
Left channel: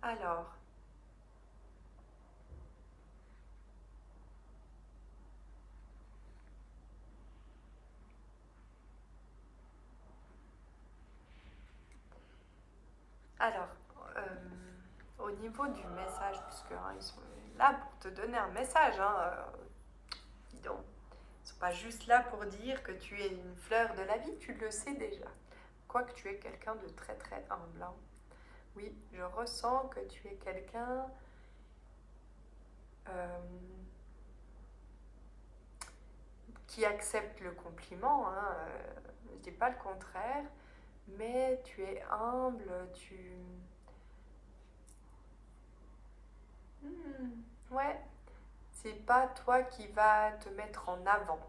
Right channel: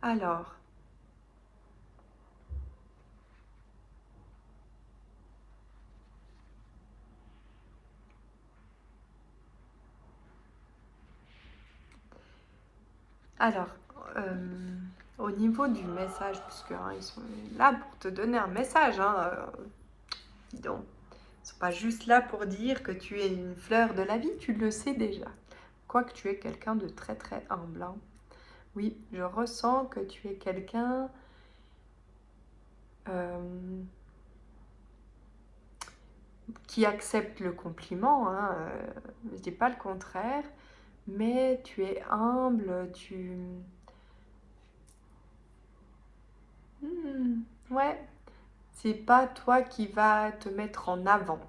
Alors, au niveau du message, puisque ils sont là pour te donner un message, dis donc. Ils ne sont pas juste là pour dire que tu es une fleur de la vie, tu le sais déjà. Quoique tu es quelqu'un de très très humble. Oui, je ressens que tu es quelqu'un qui accepte le compliment. Je ne dis pas le contraire, mais tu es humble, ouais, c'est pas toi qui vas te mettre en avant.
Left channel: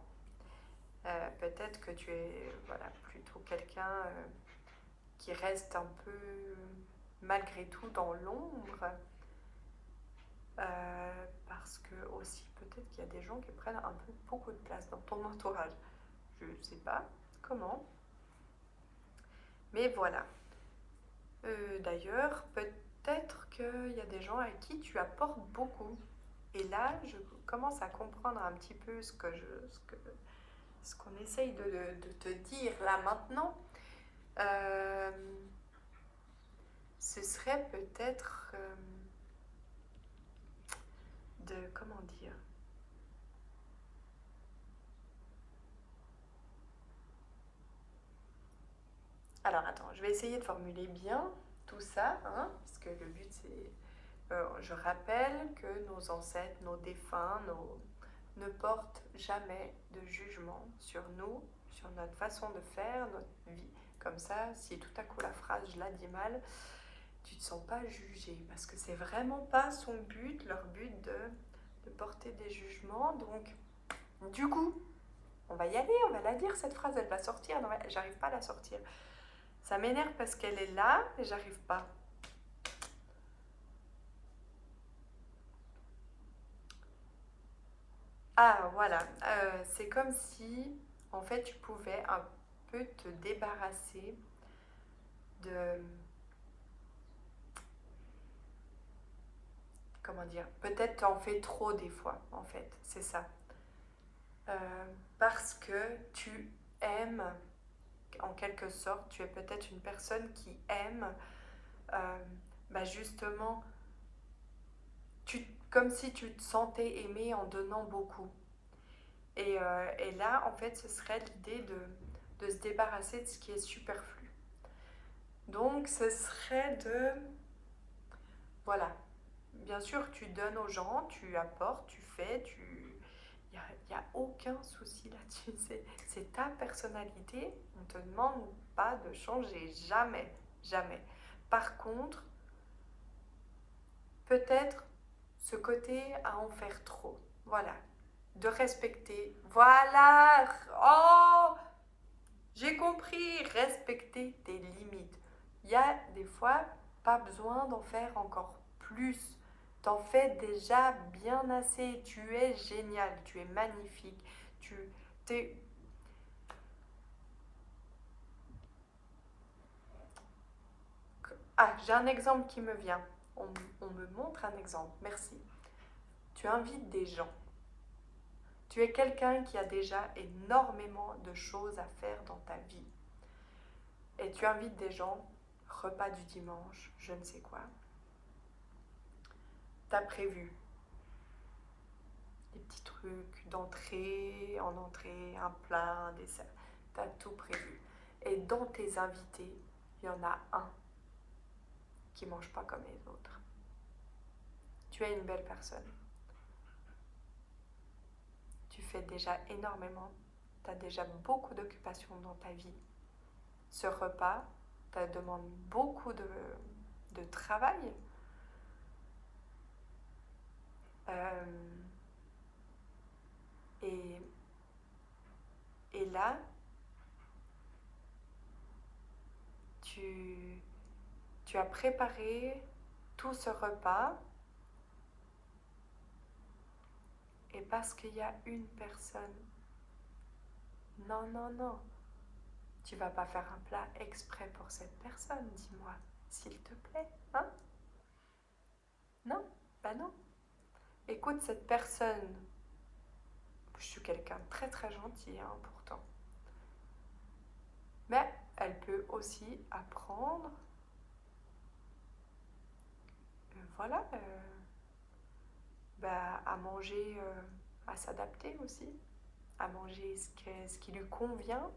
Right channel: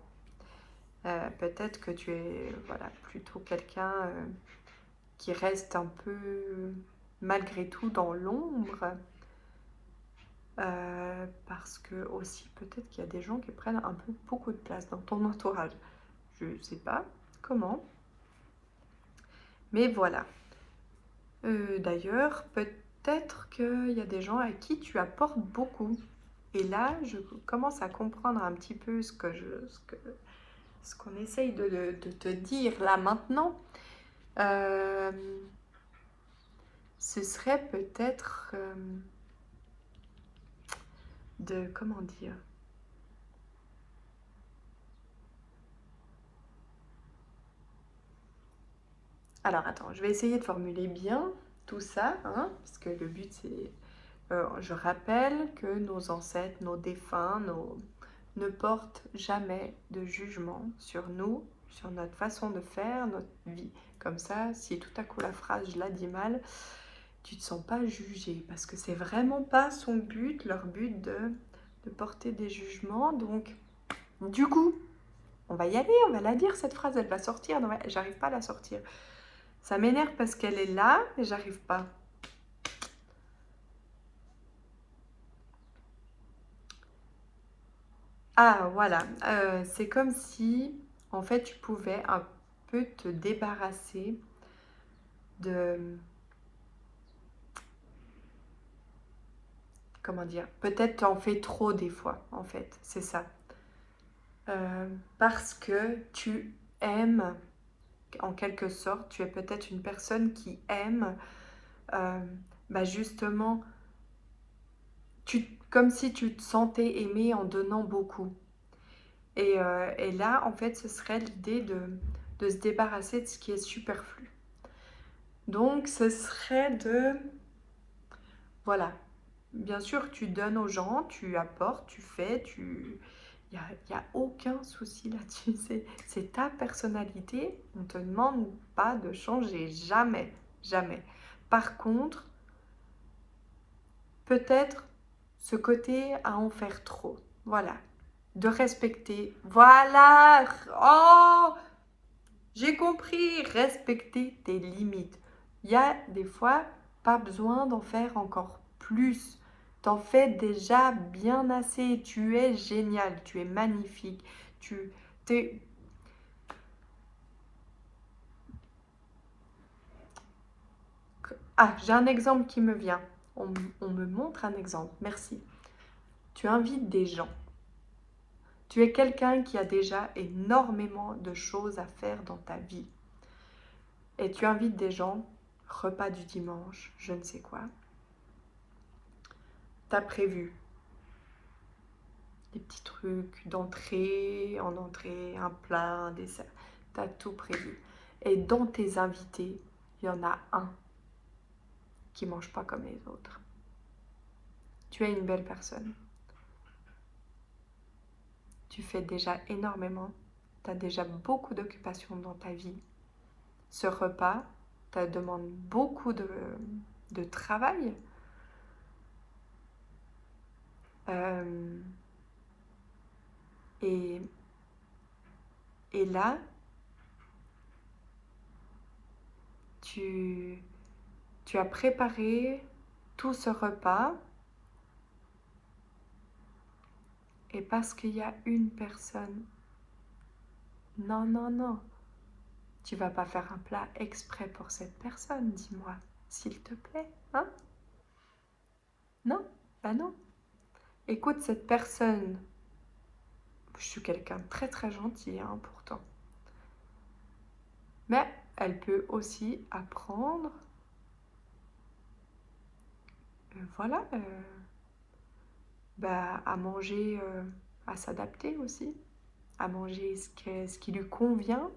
Peut-être que tu es, voilà, plutôt quelqu'un qui reste un peu, malgré tout, dans l'ombre. Parce que aussi, peut-être qu'il y a des gens qui prennent un peu beaucoup de place dans ton entourage. Je ne sais pas comment, mais voilà. D'ailleurs, peut-être qu'il y a des gens à qui tu apportes beaucoup. Et là, je commence à comprendre un petit peu ce qu'on essaye de te dire là maintenant. Euh, Ce serait peut-être comment dire? Alors attends, je vais essayer de formuler bien tout ça, hein, parce que le but c'est, je rappelle que nos ancêtres, nos défunts, ne portent jamais de jugement sur nous, sur notre façon de faire, notre vie. Comme ça, si tout à coup la phrase je la dis mal, tu ne te sens pas jugé, parce que c'est vraiment pas son but, leur but de porter des jugements. Donc, du coup, on va y aller, on va la dire, cette phrase, elle va sortir. Non, j'arrive pas à la sortir. Ça m'énerve parce qu'elle est là, mais j'arrive pas. Ah, voilà. C'est comme si, en fait, tu pouvais un peu te débarrasser de... Comment dire? Peut-être t'en fais trop des fois, en fait. C'est ça. Parce que tu aimes, en quelque sorte, tu es peut-être une personne qui aime, euh, bah justement, comme si tu te sentais aimé en donnant beaucoup. Et là, en fait, ce serait l'idée de se débarrasser de ce qui est superflu. Donc, ce serait de... Voilà. Bien sûr, tu donnes aux gens, tu apportes, tu fais, tu... Il y a aucun souci là-dessus. C'est ta personnalité. On ne te demande pas de changer. Jamais. Jamais. Par contre, peut-être ce côté à en faire trop. Voilà. De respecter. Voilà. Oh, j'ai compris, respecter tes limites. Il y a des fois pas besoin d'en faire encore plus. T'en fais déjà bien assez. Tu es génial, tu es magnifique. Tu t'es... Ah, j'ai un exemple qui me vient. On me montre un exemple. Merci. Tu invites des gens. Tu es quelqu'un qui a déjà énormément de choses à faire dans ta vie. Et tu invites des gens, repas du dimanche, je ne sais quoi. T'as prévu des petits trucs d'entrée, en entrée, un plat, un dessert. T'as tout prévu. Et dans tes invités, il y en a un qui mange pas comme les autres. Tu es une belle personne. Tu fais déjà énormément. Tu as déjà beaucoup d'occupations dans ta vie. Ce repas, ça demande beaucoup de travail. Euh, et, et là, tu, tu as préparé tout ce repas. Et parce qu'il y a une personne, non, non, non, tu vas pas faire un plat exprès pour cette personne, dis-moi, s'il te plaît, hein? Non, bah non. Écoute, cette personne, je suis quelqu'un de très très gentil, hein, pourtant, mais elle peut aussi apprendre, voilà, bah, à manger, à s'adapter aussi, à manger ce qui lui convient,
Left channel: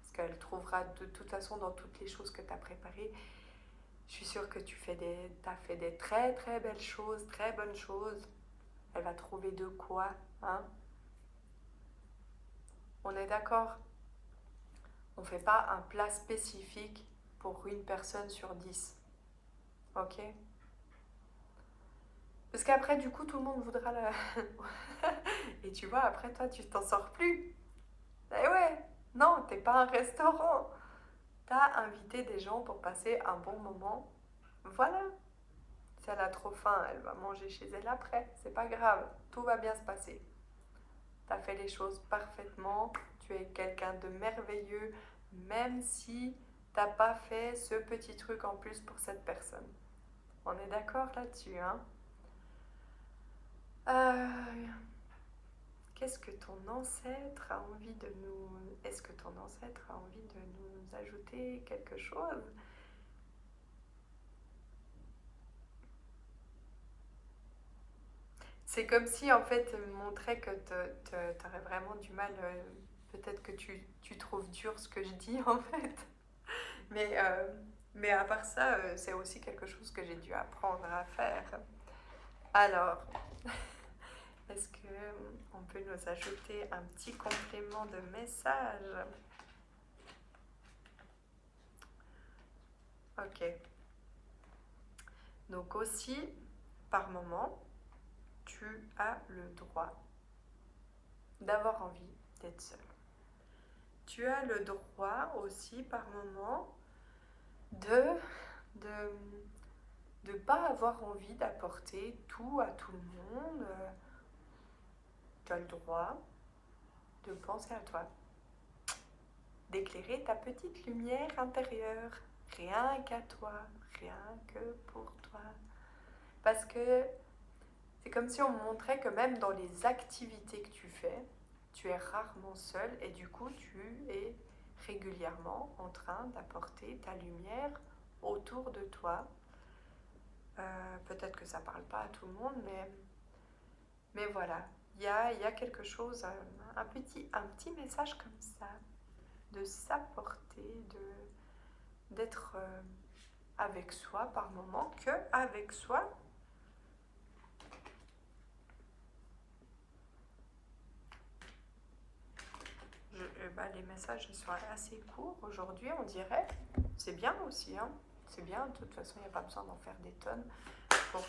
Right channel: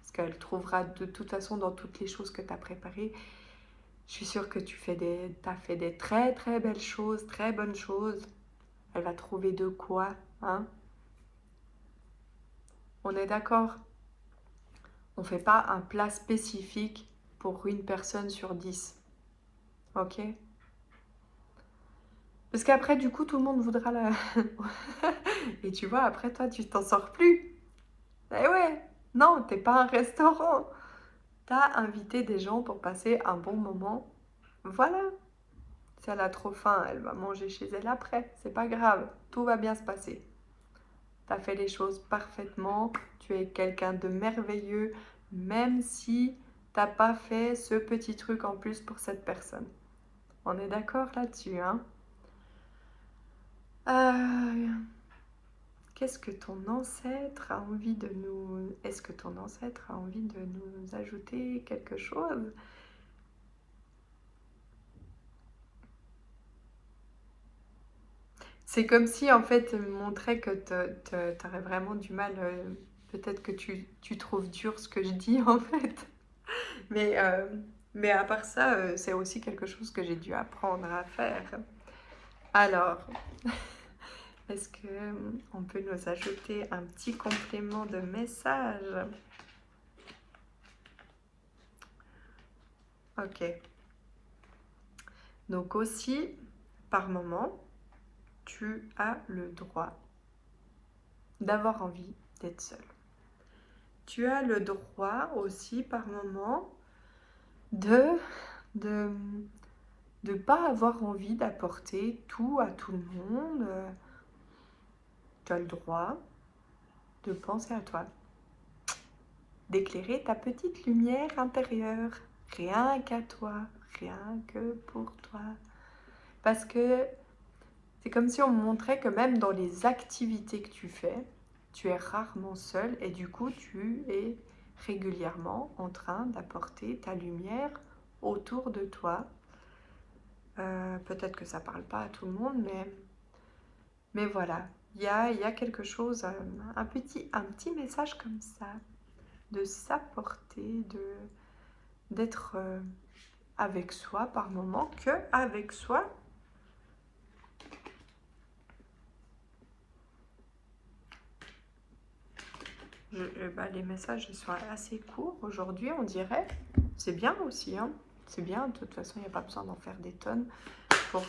parce qu'elle trouvera de toute façon dans toutes les choses que tu as préparées. Je suis sûre que t'as fait des très très belles choses, très bonnes choses. Elle va trouver de quoi, hein? On est d'accord? On ne fait pas un plat spécifique pour une personne sur 10. Ok? Parce qu'après, du coup, tout le monde voudra la... Et tu vois, après, toi, tu t'en sors plus. Eh ouais, non, t'es pas un restaurant. T'as invité des gens pour passer un bon moment. Voilà. Si elle a trop faim, elle va manger chez elle après. C'est pas grave, tout va bien se passer. T'as fait les choses parfaitement. Tu es quelqu'un de merveilleux, même si t'as pas fait ce petit truc en plus pour cette personne. On est d'accord là-dessus, hein? Euh, Qu'est-ce que ton ancêtre a envie de nous... Est-ce que ton ancêtre a envie de nous ajouter quelque chose? C'est comme si, en fait, il montrait que tu aurais vraiment du mal... peut-être que tu trouves dur ce que je dis, en fait. Mais, euh, mais à part ça, c'est aussi quelque chose que j'ai dû apprendre à faire. Alors, est-ce que on peut nous ajouter un petit complément de message? Ok. Donc aussi, par moment, tu as le droit d'avoir envie d'être seul. Tu as le droit aussi, par moment, de de de pas avoir envie d'apporter tout à tout le monde. Tu as le droit de penser à toi, d'éclairer ta petite lumière intérieure, rien qu'à toi, rien que pour toi. Parce que c'est comme si on me montrait que même dans les activités que tu fais, tu es rarement seul et du coup tu es régulièrement en train d'apporter ta lumière autour de toi. Peut-être que ça parle pas à tout le monde, mais voilà, il y a quelque chose, un petit message comme ça, de s'apporter, d'être avec soi par moment, que avec soi. Les messages ils sont assez courts aujourd'hui, on dirait. C'est bien aussi, hein. C'est bien, de toute façon, il n'y a pas besoin d'en faire des tonnes pour...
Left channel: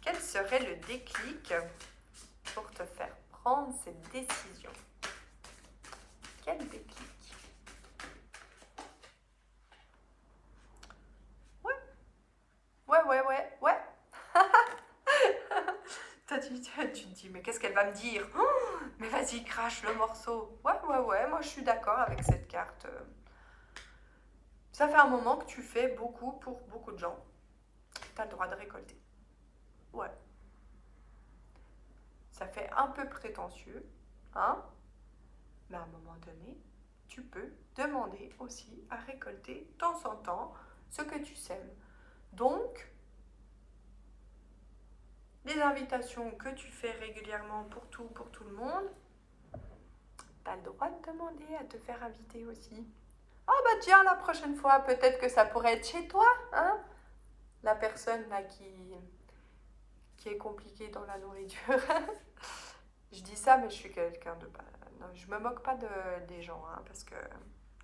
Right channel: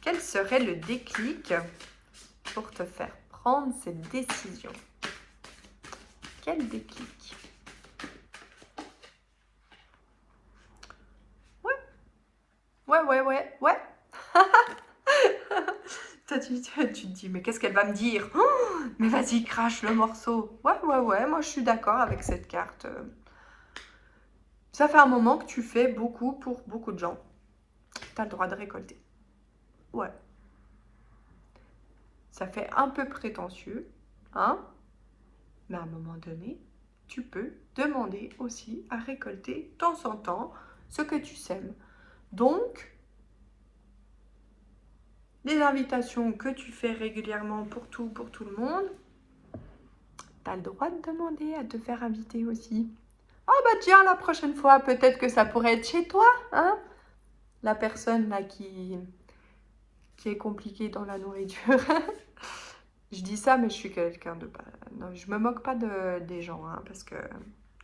Quel serait le déclic pour te faire prendre cette décision? Quel déclic? Ouais, ouais. Toi, tu te dis, mais qu'est-ce qu'elle va me dire? Oh, mais vas-y, crache le morceau. Ouais, moi je suis d'accord avec cette carte. Ça fait un moment que tu fais beaucoup pour beaucoup de gens. Tu as le droit de récolter. Ouais. Ça fait un peu prétentieux, hein? Mais à un moment donné, tu peux demander aussi à récolter de temps en temps ce que tu sèmes. Donc, les invitations que tu fais régulièrement pour tout le monde, tu as le droit de demander à te faire inviter aussi. Oh bah tiens, la prochaine fois, peut-être que ça pourrait être chez toi, hein? La personne là qui est compliquée dans la nourriture. Je dis ça, mais je suis quelqu'un de pas... Non, je me moque pas des gens, hein, parce que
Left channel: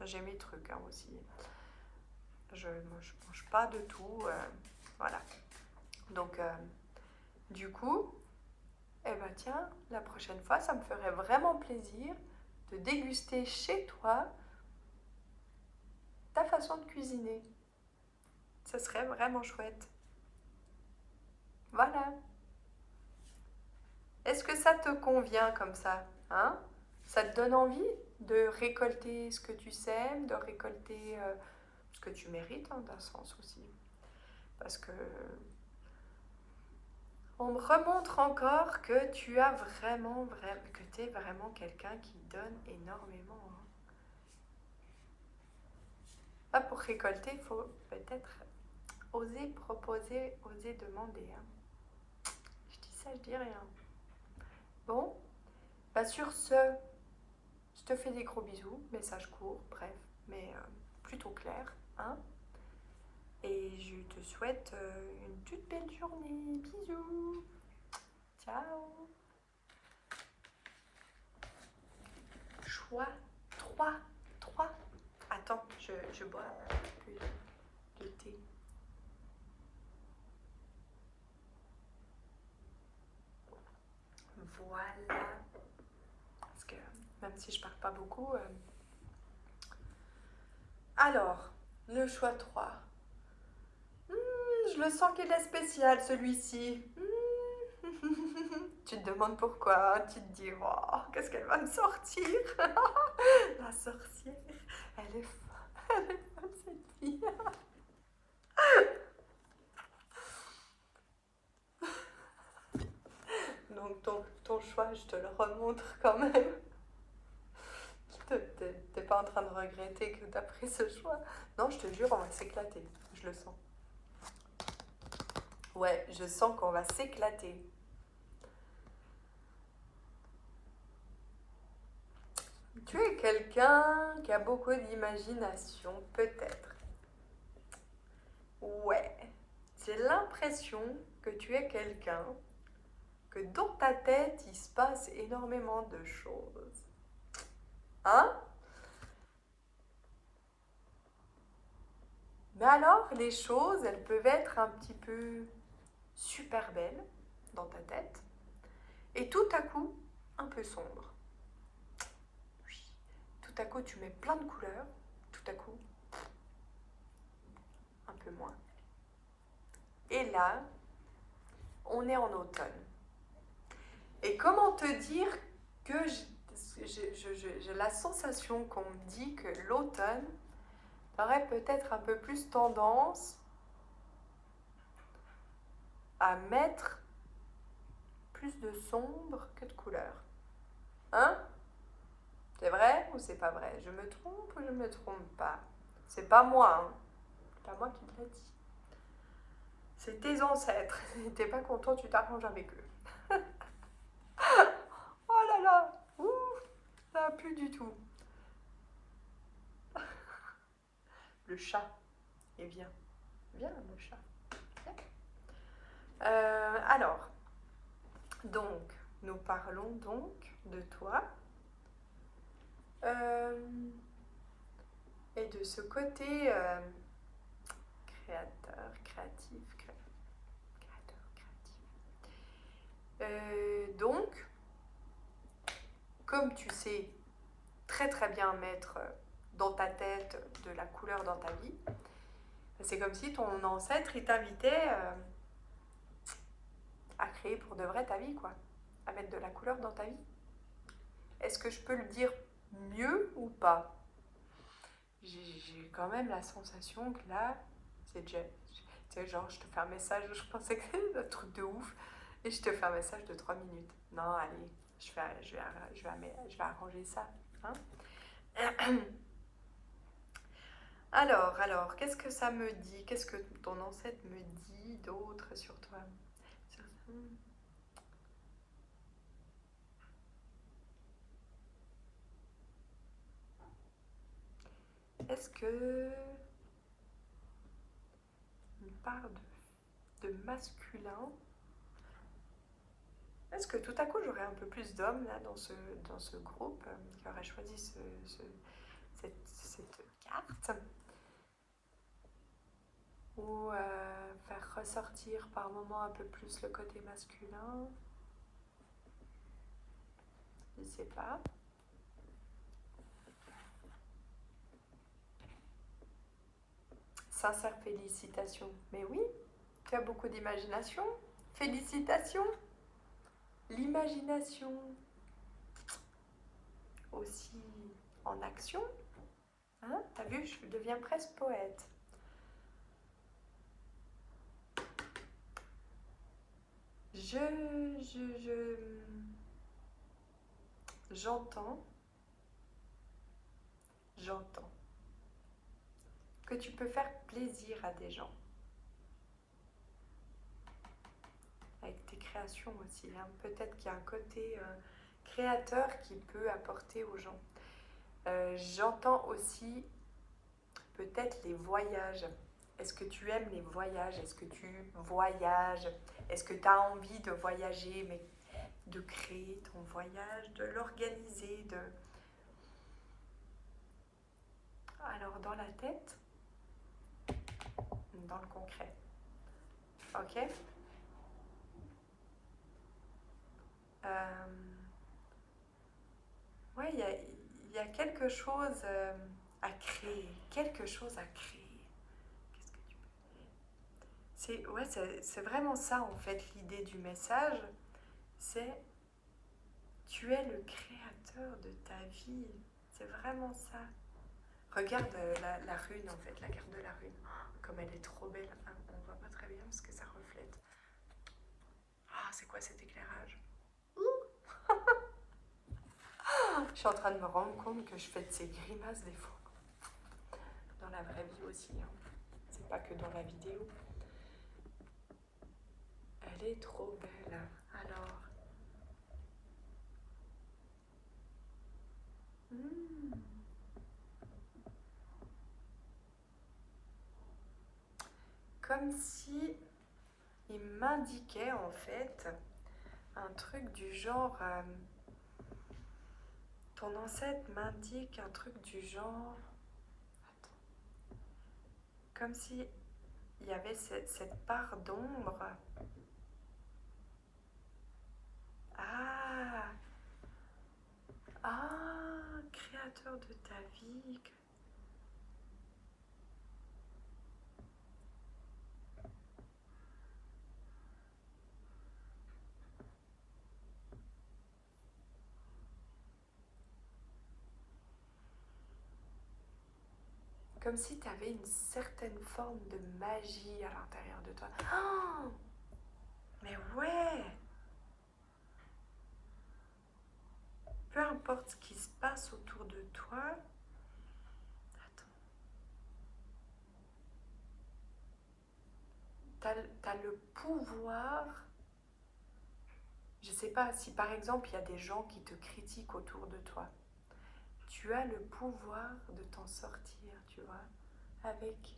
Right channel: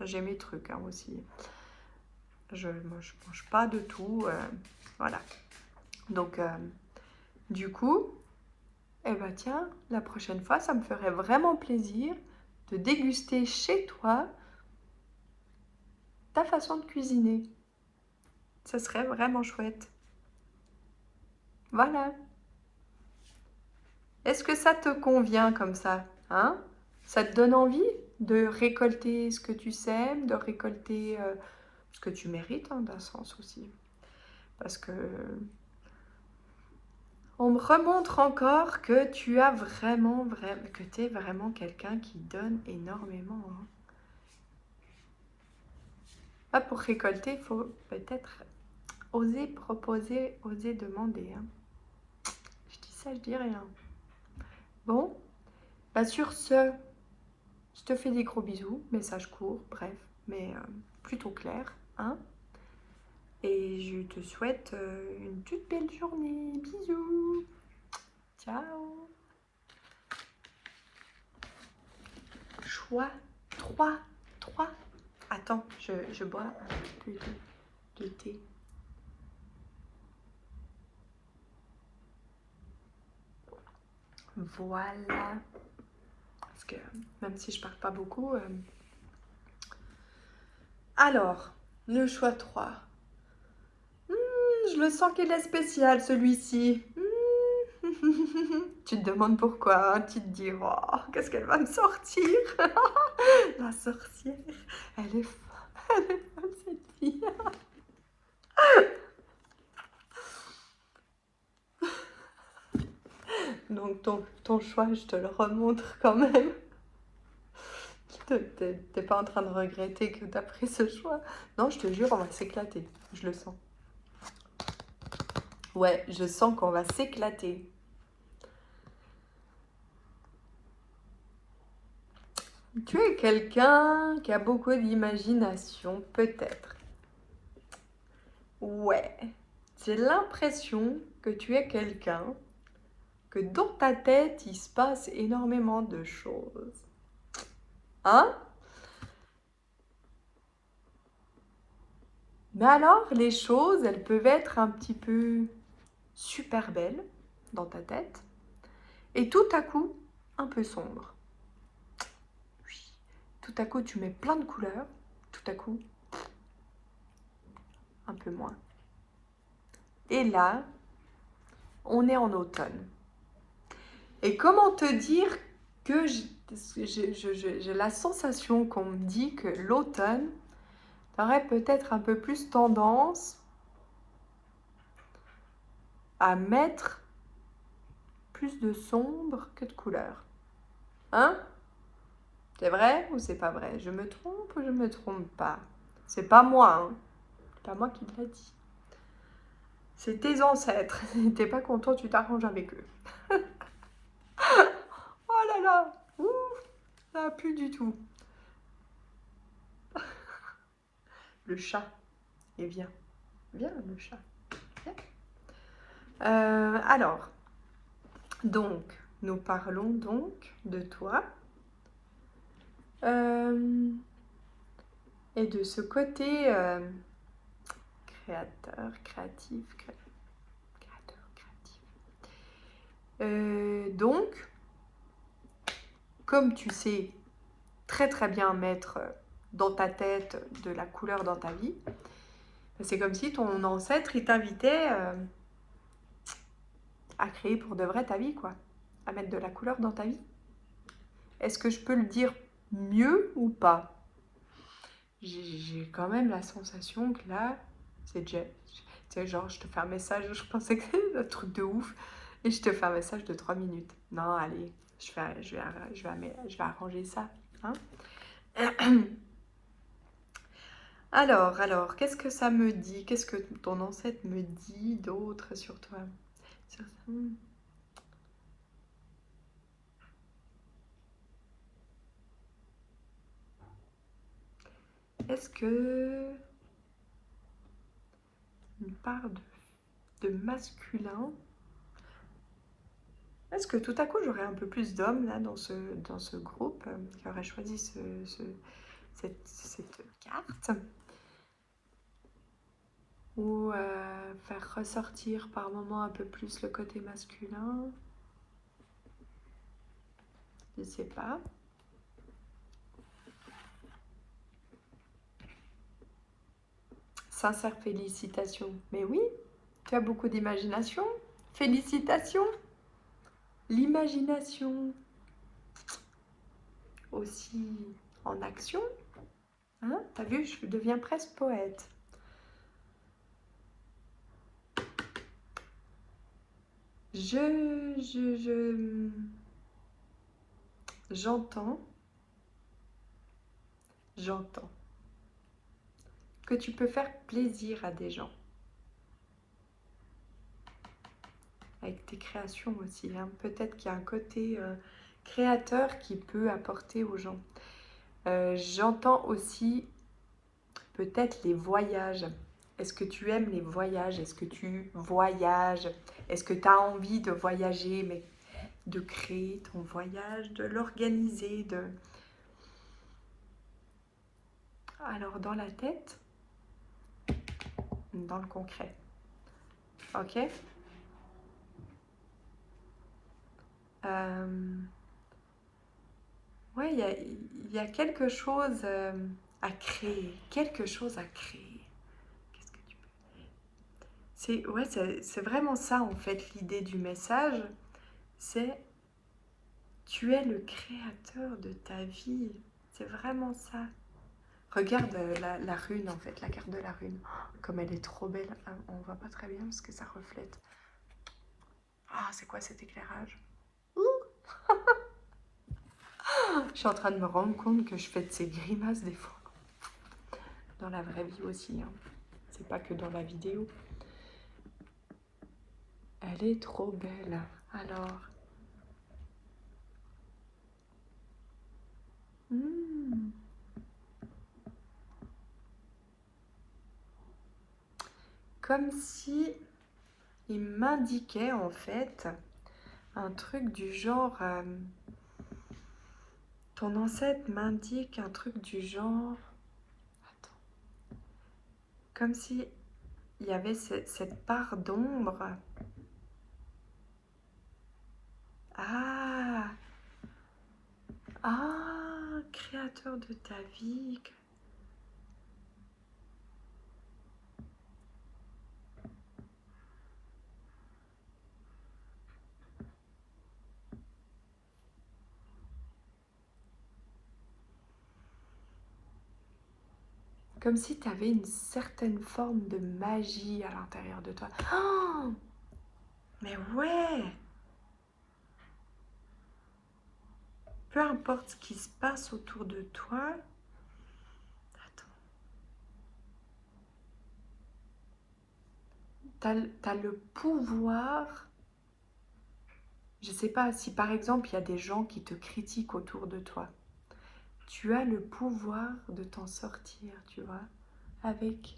j'ai mes trucs hein, aussi. Je mange pas de tout, voilà. Donc, du coup, eh ben tiens, la prochaine fois, ça me ferait vraiment plaisir de déguster chez toi ta façon de cuisiner. Ça serait vraiment chouette. Voilà. Est-ce que ça te convient comme ça, hein? Ça te donne envie de récolter ce que tu sèmes, de récolter ce que tu mérites, hein, d'un sens aussi. Parce que on me remontre encore que tu as que tu es vraiment quelqu'un qui donne énormément, hein. Ah, pour récolter, il faut peut-être oser proposer, oser demander, hein. Je dis ça, je dis rien. Bon, bah sur ce, je te fais des gros bisous, message court, bref, mais plutôt clair, hein. Et je te souhaite une toute belle journée. Bisous. Ciao. choix 3. 3. Attends, je bois un peu de thé. Voilà. Parce que même si je parle pas beaucoup. Alors, le choix 3. Je le sens qu'il est spécial celui-ci. Tu te demandes pourquoi, tu te dis, oh, qu'est-ce qu'elle va me sortir? La sorcière, elle est folle cette fille. Donc ton choix, je te le remontre quand même. T'es pas en train de regretter que t'as pris ce choix. Non, je te jure, on va s'éclater. Je le sens. Ouais, je sens qu'on va s'éclater. Tu es quelqu'un qui a beaucoup d'imagination, peut-être. Ouais, j'ai l'impression que tu es quelqu'un que dans ta tête, il se passe énormément de choses. Hein? Mais alors, les choses, elles peuvent être un petit peu super belles dans ta tête et tout à coup, un peu sombres. Oui. Tout à coup, tu mets plein de couleurs, tout à coup, un peu moins. Et là, on est en automne. Et comment te dire que j'ai la sensation qu'on me dit que l'automne aurait peut-être un peu plus tendance à mettre plus de sombre que de couleur. Hein? C'est vrai ou c'est pas vrai? Je me trompe ou je me trompe pas? C'est pas moi, hein? C'est pas moi qui te l'a dit. C'est tes ancêtres. T'es pas content, tu t'arranges avec eux. Oh là là! Ouh, ça a plus du tout. Le chat. Et viens. Viens, le chat. Viens. Alors, donc, nous parlons donc de toi. Et de ce côté créateur, créatif, créateur, créatif. Donc, comme tu sais très très bien mettre dans ta tête de la couleur dans ta vie, c'est comme si ton ancêtre il t'invitait à créer pour de vrai ta vie, quoi, à mettre de la couleur dans ta vie. Est-ce que je peux le dire mieux ou pas? J'ai quand même la sensation que là, c'est déjà... Tu sais, genre, je te fais un message, je pensais que c'était un truc de ouf, et je te fais un message de 3 minutes. Non, allez, je vais arranger ça. Hein. Alors, qu'est-ce que ça me dit? Qu'est-ce que ton ancêtre me dit d'autre sur toi? Est-ce que une part de masculin? Est-ce que tout à coup j'aurais un peu plus d'hommes là dans ce groupe qui aurait choisi cette carte? Ou faire ressortir par moments un peu plus le côté masculin? Je ne sais pas. Sincère félicitations. Mais oui, tu as beaucoup d'imagination. Félicitations. L'imagination aussi en action. Hein? T'as vu, je deviens presque poète. J'entends que tu peux faire plaisir à des gens. Avec tes créations aussi. Hein. Peut-être qu'il y a un côté créateur qui peut apporter aux gens. J'entends aussi peut-être les voyages. Est-ce que tu aimes les voyages? Est-ce que tu voyages? Est-ce que tu as envie de voyager, mais de créer ton voyage, de l'organiser, Alors, dans la tête, dans le concret. Ok. Ouais, il y a quelque chose à créer. Quelque chose à créer. Qu'est-ce que tu peux... Ouais, c'est vraiment ça, en fait, l'idée du message. C'est tu es le créateur de ta vie. C'est vraiment ça. Regarde la rune, en fait, la carte de la rune. Oh, comme elle est trop belle. Ah, on voit pas très bien parce que ça reflète. Ah, c'est quoi cet éclairage? Je suis en train de me rendre compte que je fais de ces grimaces des fois. Dans la vraie vie aussi. Hein. C'est pas que dans la vidéo. Elle est trop belle. Alors. Hmm. Comme si il m'indiquait en fait un truc du genre... ton ancêtre m'indique un truc du genre... Attends. Comme si il y avait cette part d'ombre. Ah, ah, créateur de ta vie. Comme si tu avais une certaine forme de magie à l'intérieur de toi. Oh, mais ouais! Peu importe ce qui se passe autour de toi. Attends. T'as le pouvoir. Je sais pas si par exemple il y a des gens qui te critiquent autour de toi. Tu as le pouvoir de t'en sortir, tu vois, avec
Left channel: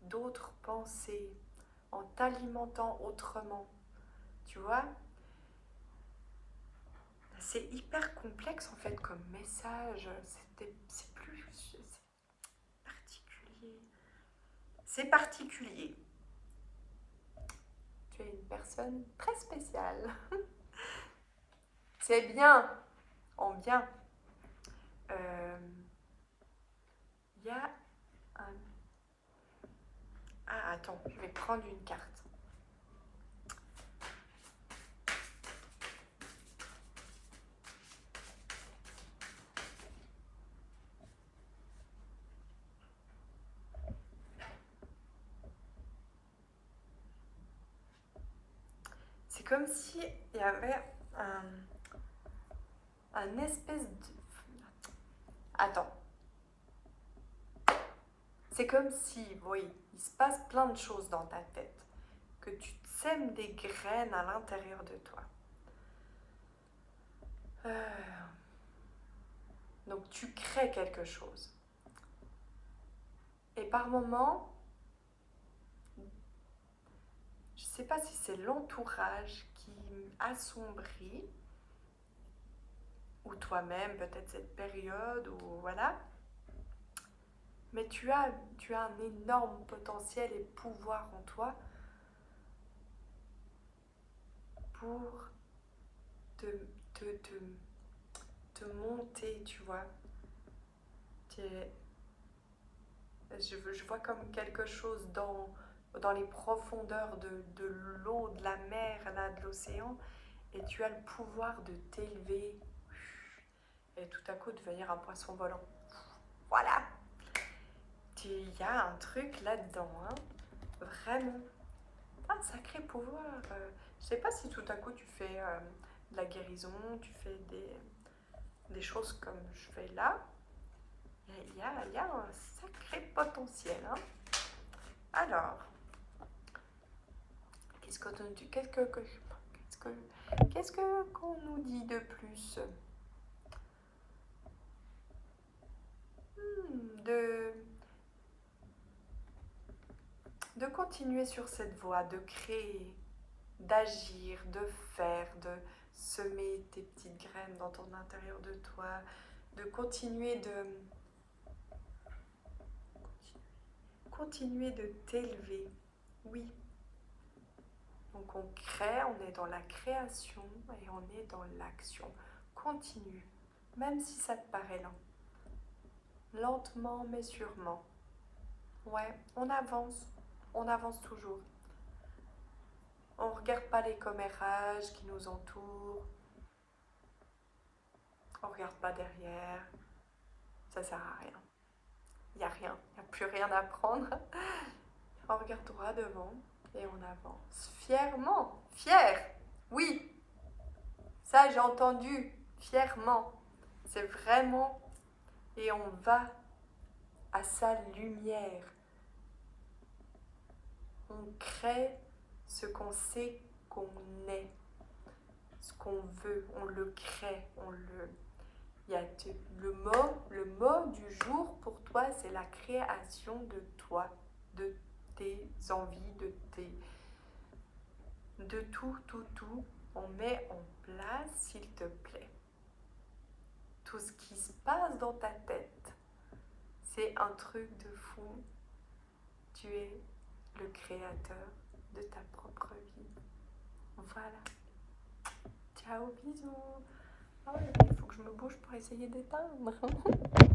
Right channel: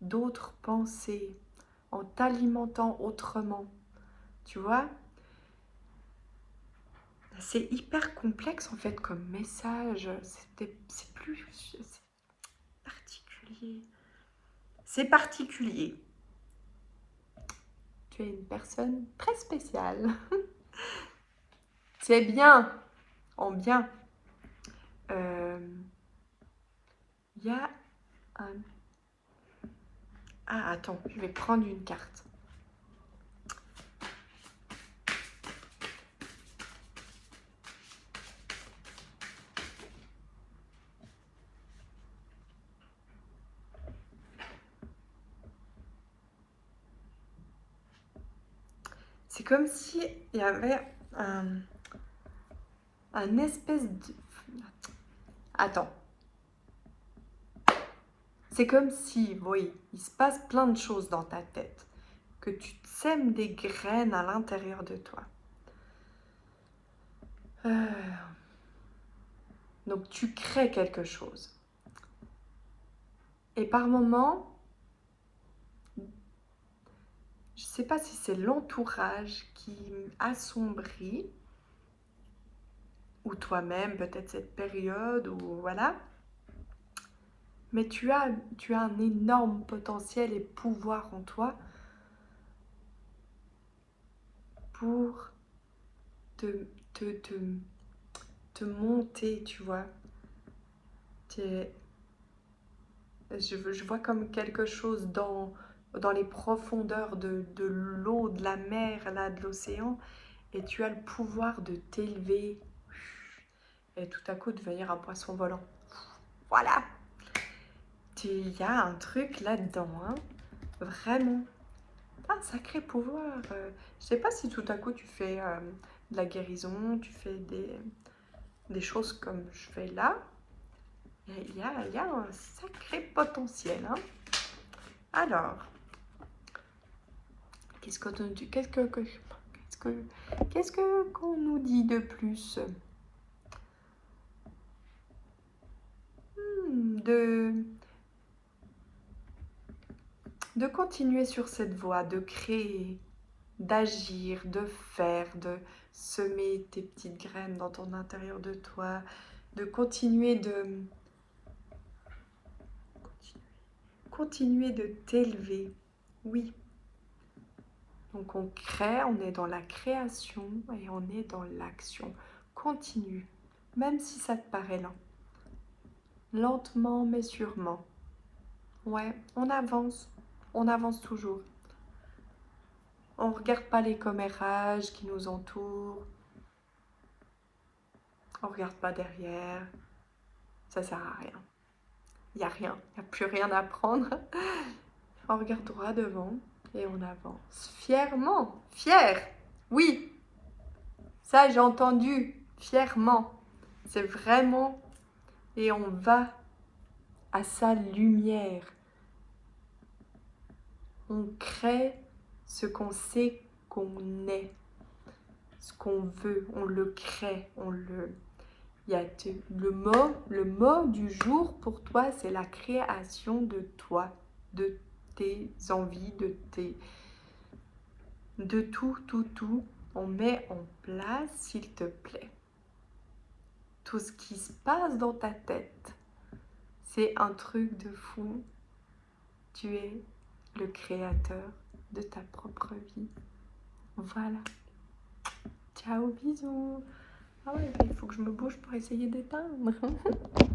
d'autres pensées, en t'alimentant autrement. Tu vois, c'est hyper complexe en fait comme message. C'est plus... C'est particulier. C'est particulier. Tu es une personne très spéciale. C'est bien, en bien. Il y a un... Ah, attends, je vais prendre une carte. C'est comme si il y avait un espèce de... Attends. C'est comme si, oui, il se passe plein de choses dans ta tête, que tu sèmes des graines à l'intérieur de toi. Donc tu crées quelque chose. Et par moments, je ne sais pas si c'est l'entourage qui assombrit, ou toi-même, peut-être cette période, ou voilà. Mais tu as un énorme potentiel et pouvoir en toi pour te, te, te, te monter, tu vois. Je vois comme quelque chose dans les profondeurs de l'eau, de la mer, là, de l'océan, et tu as le pouvoir de t'élever et tout à coup devenir un poisson volant. Voilà. Il y a un truc là-dedans, hein, vraiment. Un sacré pouvoir. Je sais pas si tout à coup tu fais de la guérison, tu fais des choses comme je fais là. Il y a un sacré potentiel. Hein. Alors, qu'est-ce qu'on nous dit de plus? De continuer sur cette voie, de créer, d'agir, de faire, de semer tes petites graines dans ton intérieur de toi, de continuer continuer de t'élever. Oui. Donc on crée, on est dans la création et on est dans l'action. Continue, même si ça te paraît lent. Lentement mais sûrement. Ouais, on avance toujours. On ne regarde pas les commérages qui nous entourent. On ne regarde pas derrière. Ça sert à rien. Il n'y a rien, il n'y a plus rien à prendre. On regarde droit devant et on avance. Fièrement, fier. Oui, ça j'ai entendu. Fièrement. C'est vraiment... Et on va à sa lumière. On crée ce qu'on sait qu'on est. Ce qu'on veut, on le crée, on le... Il y a le mot du jour pour toi, c'est la création de toi, de tes envies, de tout. On met en place, s'il te plaît. Tout ce qui se passe dans ta tête, c'est un truc de fou. Tu es le créateur de ta propre vie. Voilà. Ciao, bisous. Ah ouais, il faut que je me bouge pour essayer d'éteindre.